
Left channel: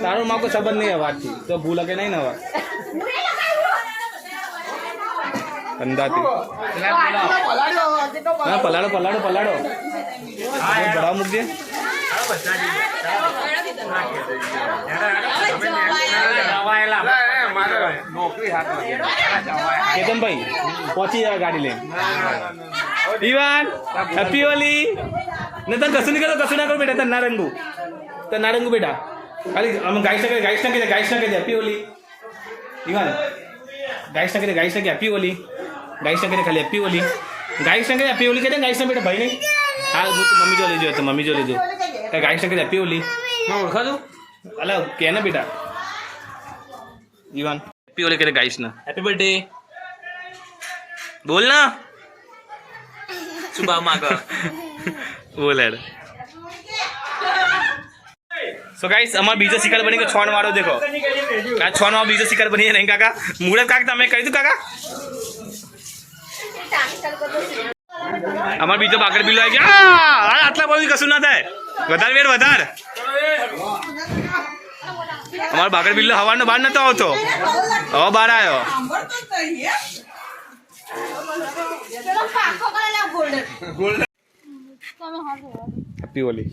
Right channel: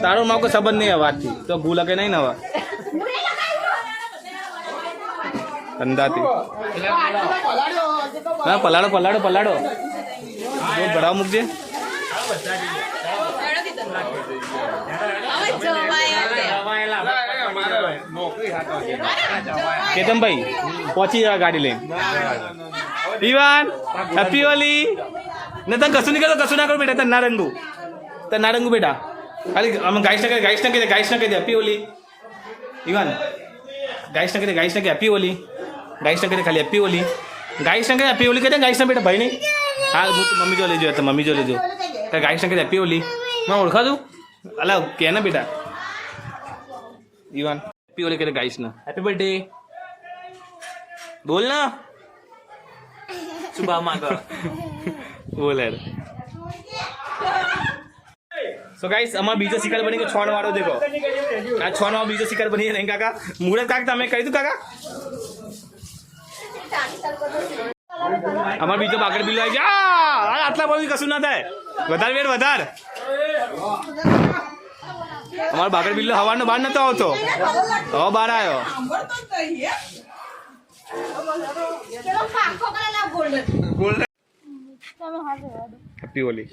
તારો માં કોઈ સંબંધ નહીં હવાથી તો ભૂલ લગે નહીં ને હવા અંદાતી હા પલાડો ભરાવ મૂકજે કેતનભાઈ પહોંચી ગયા ગાડી લઈને ઈવાન હેપી હોલી ને તને કશું નહીં કરો કશું ના કરો બેટા તને ના રંગુ બેટા ખાલી અમે ગાઈસ ના કહી દે હેપી હોલી ઈવાન ગાઈસ ના કહી હેપી હોલી ગાઈસ ના કહી ખાલી હેપી હોલી ગાઈસ ના કહી હેપી હોલી કહી દે ગાઈસ ના બેટા ભાઈ નહીં હા મમ્મી જો લેજો તો મમ્મી જો લેજો ગાઈસ ના કહી હેપી હોલી मैं ओळखा तू अला क्या ना बेटा इवान हैप्पी होली करे गाइस ना हैप्पी बर्थडे बोल ना सुबह मांगा बोल यार सो गाइस हमारा बीजो शिकार बनी के छौन मारो देखो का छौन में बीजो शिकार बनी नहीं काका मुहूर्त काका તમે કહી દઉં કાકા અમાર બીજો બાકડ બિલ્લો આવી ગયા આટલા બધું કશું ના થાય વધારે વેર વધારે અમારો બાકડ બિલ્લો હવાનો બહાર નતો આવતો હવે બહાર આવ્યો હેપી હોલી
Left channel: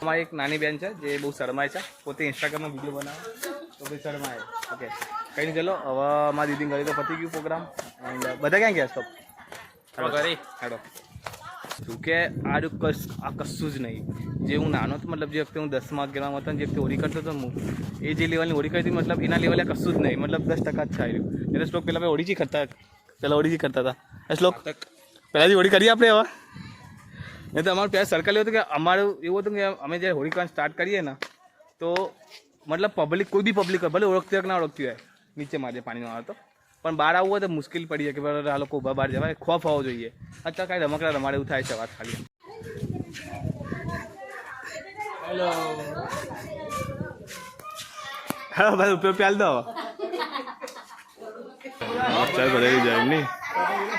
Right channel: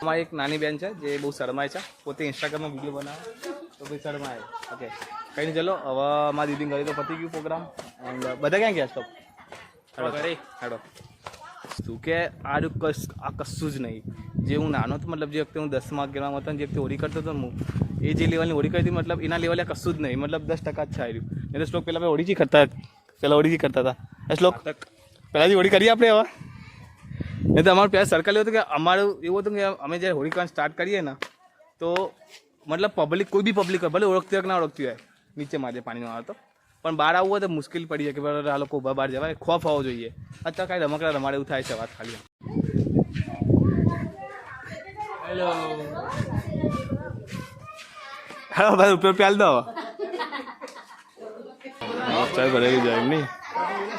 અમારી એક નાની બેન છે જે બહુ શરમાય છે પોતે ઇન્સ્ટાગ્રામમાં વિડીયો બનાવે તો ભાઈ શરમાય ઓકે કંઈ નહીં ચલો હવે મારી દીદી ઘરે તો પતી ગયું પ્રોગ્રામ એન્ડ બધા ક્યાં ગયા સ્ટોપ હાડો શું કે આ કશું જ નહીં જે હું નાનો હતો મતલબ જે વખતે હું 10મા 11મા હતો ને જે વખતે હોળી કરતો હતો હું એ જે લેવલની હોળી કરી હતી મતલબ એના લેવલે કશું જ નહીં મતલબ 10% જ છે આવ્યું એટલે શ્લોક પહેલાં આપણે હોળી કરતા હતા શ્લોક પહેલાંથી હોળી કરીએ આપણે હવે નહીં તો અમારું પહેલાં સર્કલ એવું હતું કે અમારું એવું હતું કે અમે જ્યારે હોળી કરવાનું સ્ટાર્ટ કરીએ ને તો મતલબ પબ્લિક કોઈ બી પબ્લિક હોય ભલે ઓળખતી હોય કે ના ઓળખતી હોય નીચે મારે પાણીમાં આવે તો પણ બહાર આવવું હોય તો મુશ્કેલ પડી જાય કે બરાબર આ લોકો ઊભા બહાર જવાય ખોફ હોવો જોઈએ અત્યારે કાંઈ રમકડા રમાડે એવું થાય છે વાત ખાલી હેલો હા ભાઈ ઉપર પ્યાલ દો ચાલ ભરેલી જાય નહીં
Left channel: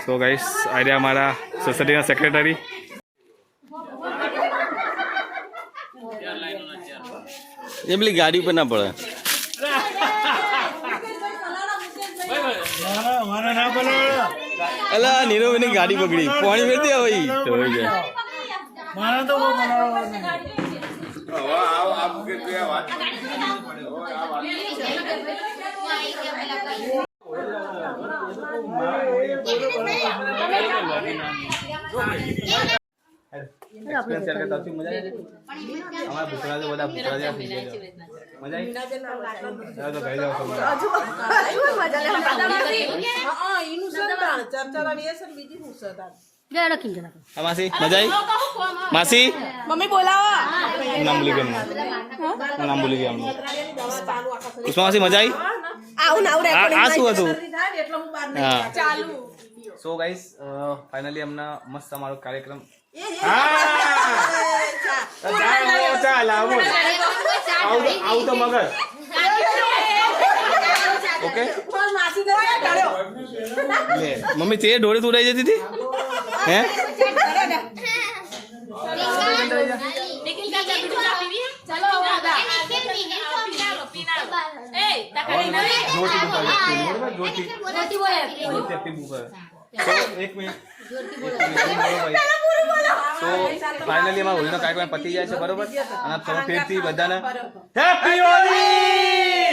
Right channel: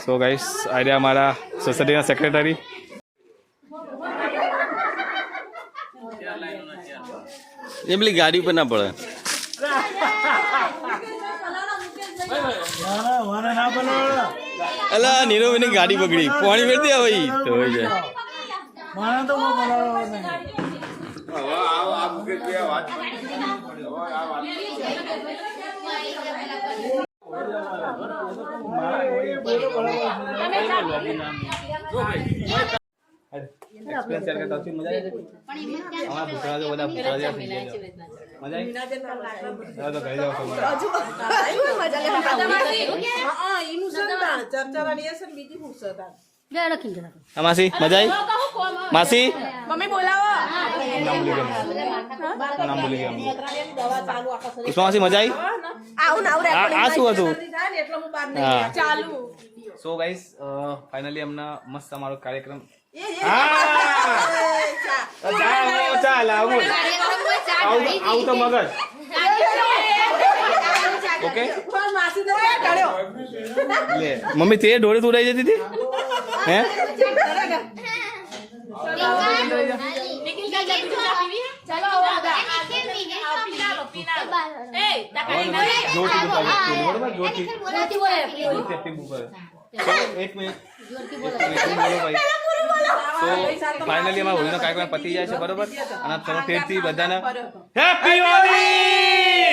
સો ગાઈસ આ રહ્યા અમારા સોસાયટીના સેક્રેટરી એ પેલી ગાડી ઉપર ના પડે અલા નીરવની ગાડી પકડી પાણી વેરતી આવે તો હોય જાય एक्सपीरियंस शेयर करता हूँ मजा आई हमारा भूखरा जो बोला भूखरा जैसा થઈ ગયો મજા આવી તો કહી જાવ મજા લે હા ઈનું ચર્ચા વાળી છે બીજી પૂછતા જરા ખીંચો માસી મજા આવી માસી મમ્મી બોલાવો નામ ભૂલી ગયો ઉસ્મા માસી મજા આવી આવું ના આ શું હતું હા ચાલુ સો ગાઈસ ફાઇનલી હમણાં મસ્ત અમારો કાર્યક્રમ ચાલ આવું તો મગજ ઓકે મમ્મી તે ઢોળે તું રહી જતી હતી હે એક મિનિટ બોલો ભાઈ તો ફાઇનલી અમારા હોળીનો કાર્યક્રમ પતી જાય છે બરોબર અને તમે ફેરથી બધાને હેપી હોલી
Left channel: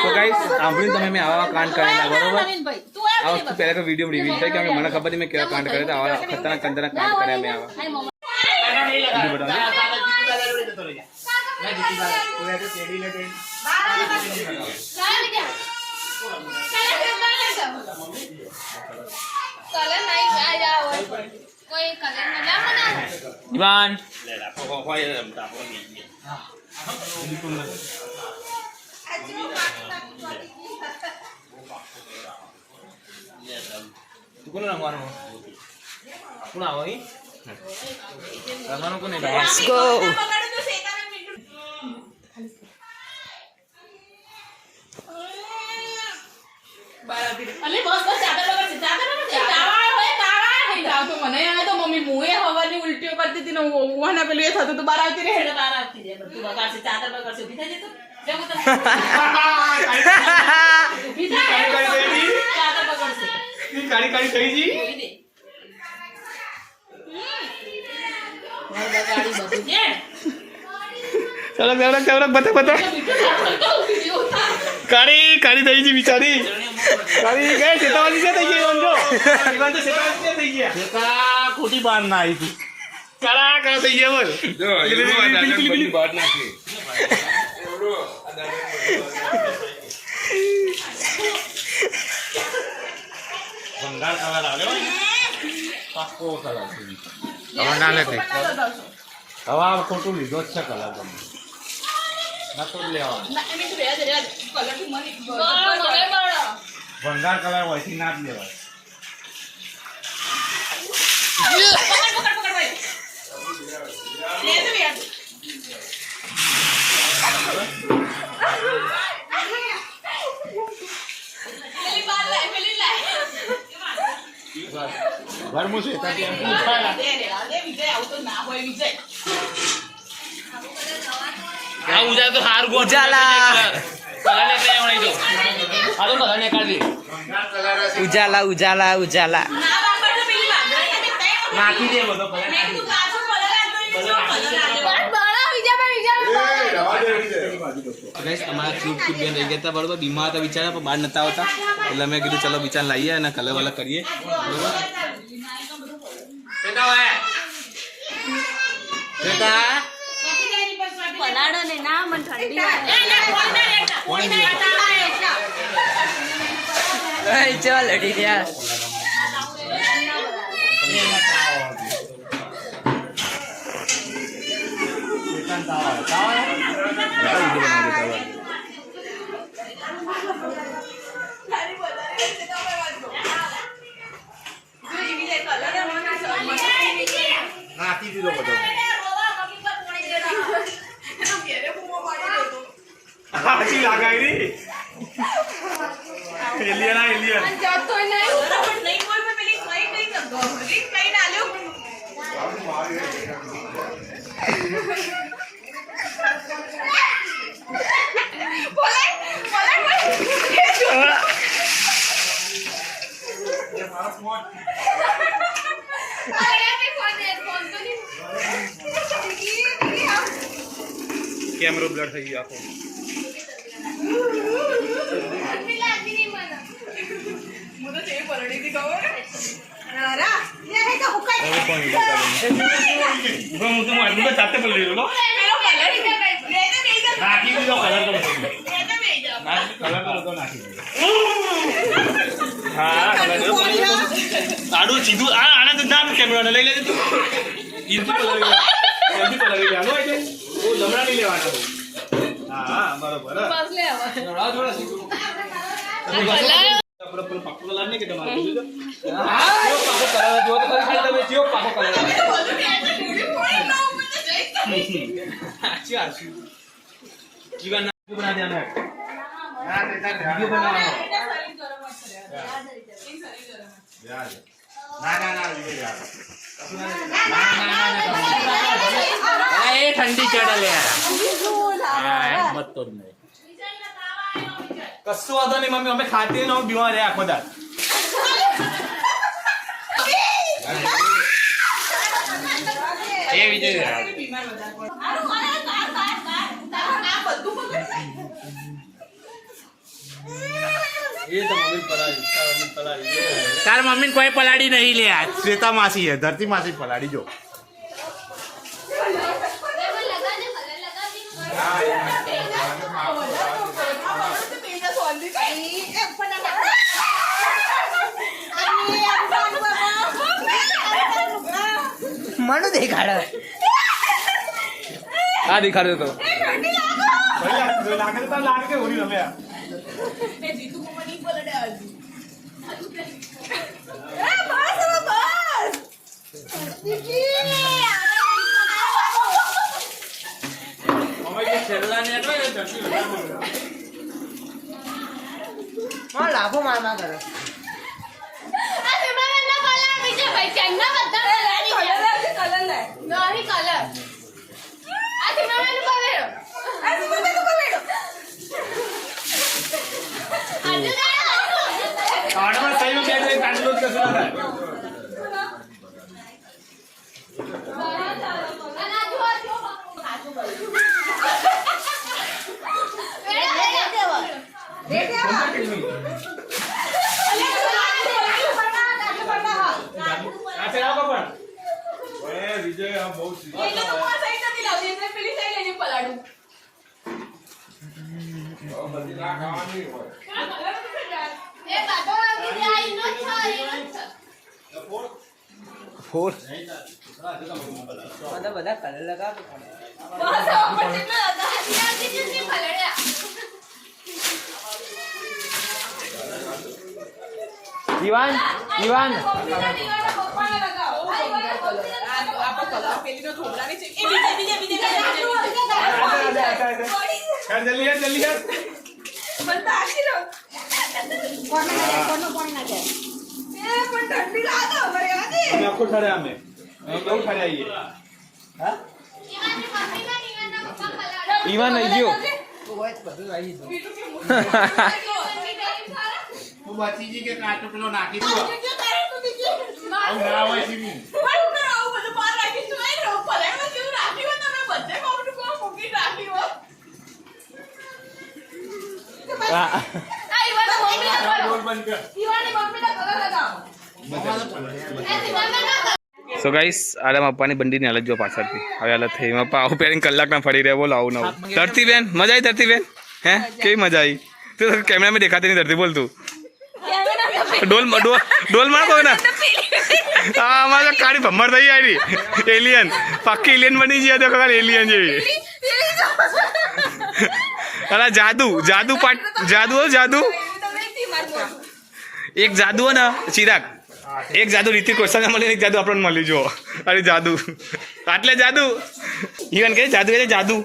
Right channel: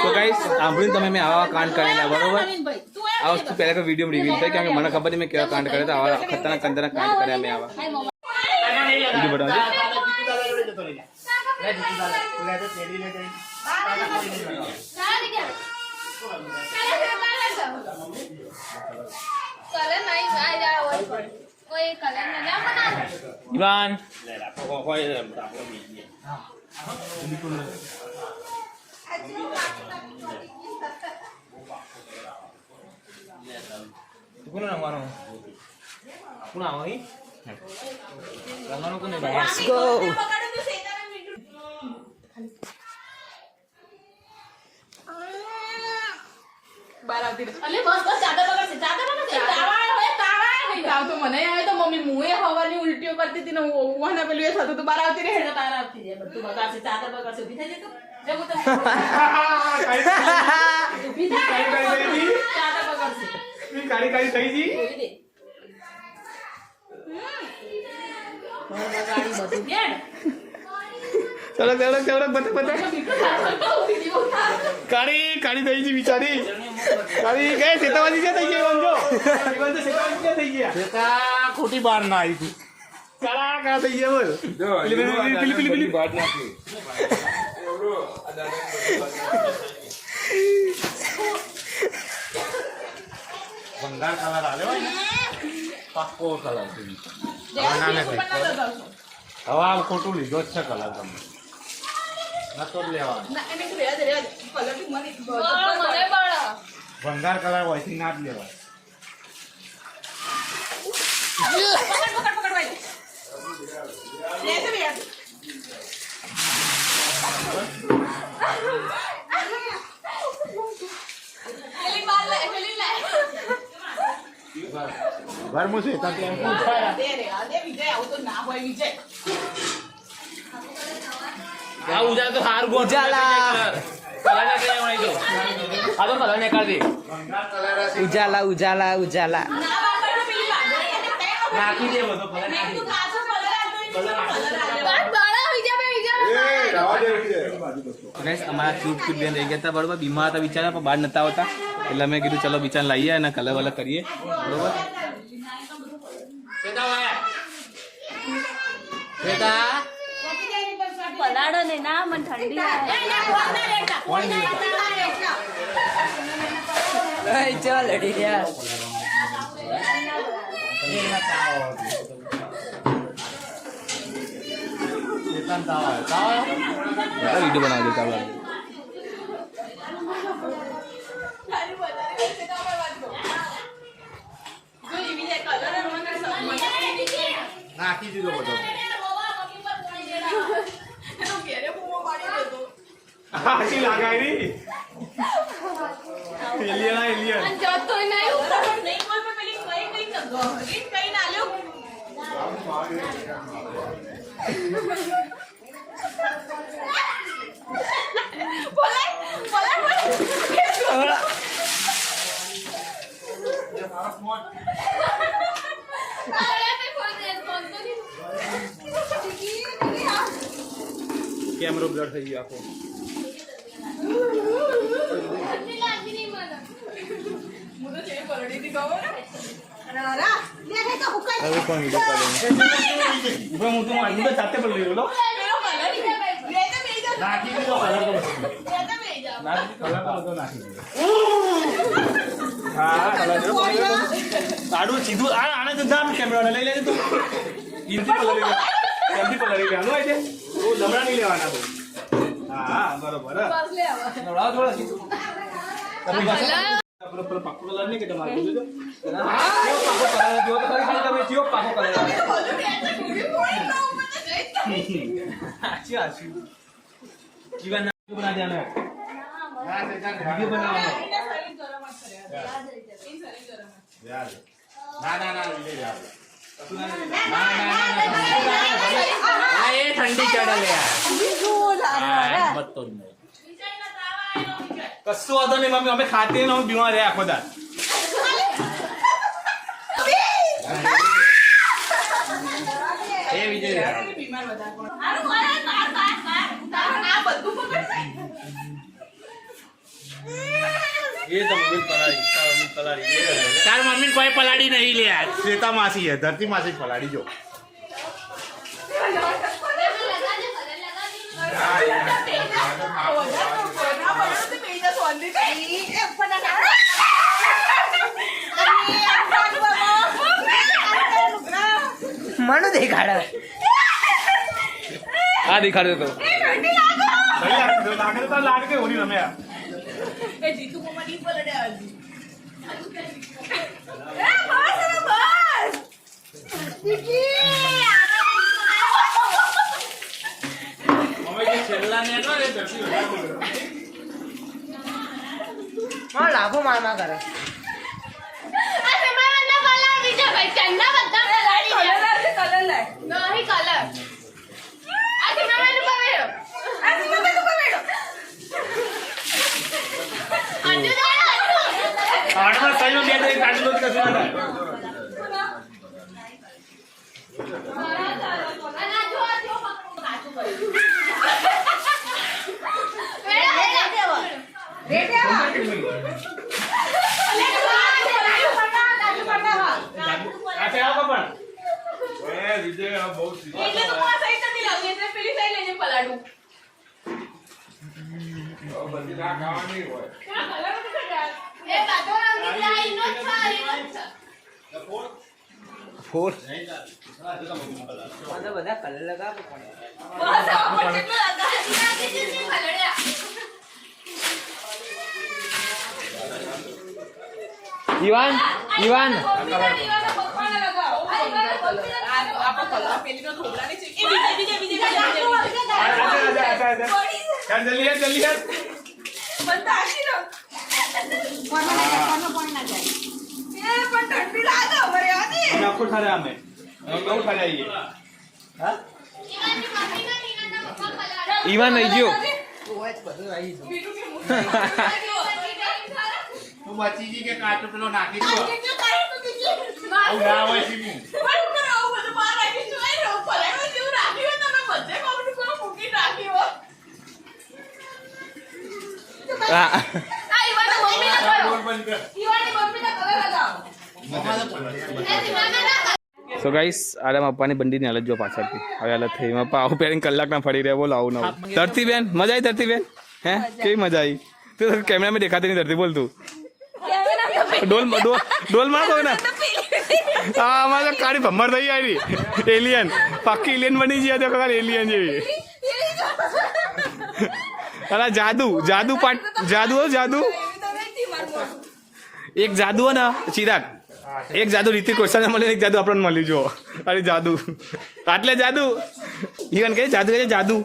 તો ગાઈસ સાંભળીને તમે મેં આવા કાંડ કરેલા બરોબર આ વસ્તુ પહેલા કોઈ વિડીયો રિવીલ થાય કે મને ખબર નહીં મેં કેવા કાંડ કરે આવા ખતરનાક કાંડ કર્યા મેં આવા કલર નહીં કોઈ કલર ના બનાવે ઈવાન કોને રમવાનું કોણ આવો અહીં રમવાનું કોને લેટ્સ ગો મને આવે તો મમ્મી મુએ હવાની ઉલટીઓ કરતી હતી ને ઓવાના પેલું એ થતું તો બાર આવતી રહે હેડો તાર આવતી રહે બધું બગાડશે ચાદર બગાડશે ઊભી થઈ જતો જગો તમે ઊભી થાય ચાદર બગાડશે કાળી કાળી થઈ જી બગાડી બધું છે ચલો ચલો ચલો બતા બતા કાળી કાળી થઈ જી બિચારી કાળી ગઈ સેતાવાજી છે થઈ ગઈ સમજો ઈવાન તો સેતાવાજી છે થઈ ગયા સેતા ખોટી બાર ના આવી હતી કાળા કાળા થઈ ગયા બોલ જો એની બાર નાખી ભંગાર કલર આવ્યો પાક્કો કલર ના નથી હવે આ ખોટું લીધો જ છે કલર તમે નતો જ લેવાનો ના એને તો રેડ રેડ કલર થી મને ભંગાર કલર હોયથી ના જ લેવાય પકડ ભાઈ લે તો બે પેલી બાર લે પેલી લે ઘરમાં છે ત્યાં એમ પૂછાય દે વિજય આવું તો ના હોય વિજય આ ઉજા તો હાર ગો ઉજાલા કલાને તે મળી જો આ તો કલાને કાઢ દે ઉજાલા ઉજાલા ઉજાલા ના બાર તો પેલી બાર નાખી દે બધો કલર મેં તું કાચો કલર આતો કલર આતો બળા વિજા ગાઈસ અમારા ક્યુટ ક્યુટ બેન રહી ગયા હતા બરોબર બીમાર હતા બિચારા પણ બહાર નતા આવતા એટલે મેં કીધું ચલો બિચારા લાવીએ અને કલર વલર કરીએ બરોબર પલાડો ને ના મને ઠંડી ચાલ લડી રહ્યા વિડીયો બનાવી દેતા હોય નાખી દીધો બધો હાચી લાગાઈ એલિયન આ એલિયન જતો નહીં નહીં કોઈ પેલી કઈ ના લ્યો કેમેરો બ્લર થઈ ગયો આખો હું તો જે પરડી થી ખબર રારા લે હે તો હુકાઈ હવે કોણ વિડીયો કરે હું તો આજુ તો જાતે બોલી રહ્યો પેલો કલર લે તો બેઈ જા નાખી દીધો કલર તો બધો લે તો બેઈ જા કલર તો બધો નાખી દીધો હા આડું સીધું આ આને તો ના કેમેરા લઈ લેજે તું ઈથી કલર એમથી કલર લઈ આલો આઈ ઓ લમડા નહીં લેવાના તો હા બરોબર બસ લે હવે રાવ થોડા સીધું આપણે પેલો પાકો કલર નહીં કે તમારે કીધું તો હા પાકો કલર જો તો ખરી તમે જીઓ પાકો કલર બધું કે છે પૂરી પોઈ ના ઉપર તો જઈ આચી આચી જીવન બના દેવાનો વિડિયો બનાવવાનો ના ના ના વિજય યાર એ ઠંડી ચડે લે કશું વાંધો નહીં મમ્મી અમે ખાતે ન બીમાર રહ્યા આખો દાર એ વિજય યાર બીમાર બધા કોણ આનું આ આ બધું પકડ એ તો મમ્મી પલાળી તાર મમ્મી કોઈ પલાડી નહીં લે શ્વેતા માસી હે ધરતી માસી પલાડી જો મને દેખાડે આ દેખાડે તો લાભો મારવા કરે ફોર બધા કલર લગાવો ઈવાન ઈવાન ઈવાન આવી ગયો બચીજી કે કાચો પેલો નાખી દો આવું ના હોય સીમું સો ગાઈસ આરામ આપવાની બંડીની હાલત જો પાછળથી હવે હાલત થઈ મપ્પા આવું પહેરીને કલાકના ફરી રહ્યા બોલ આવું નવું ધરતી બેન મજા આવી ધરતી બેન હે કેવી મજા આવી તું કેમેરામાં દેખાતી નહીં ધરતી બોલ તું ડોલ માર કોઈ ના હા અમારે કાળી ભમ્મર થઈ આવી એલિયન પાક્કી એલિયન બની ગયા તો કાલે એલિયન જેવી અલા જાદુ જાદુ જાદુ એક જાદુ હો ને ચિરાગ એક જાદુ રિતિક રોશનને મળે એક જાદુ આપણને મળી જો અરે જાદુ આટલે જાદુ ઈવન કે જાદુ એટલે જાદુ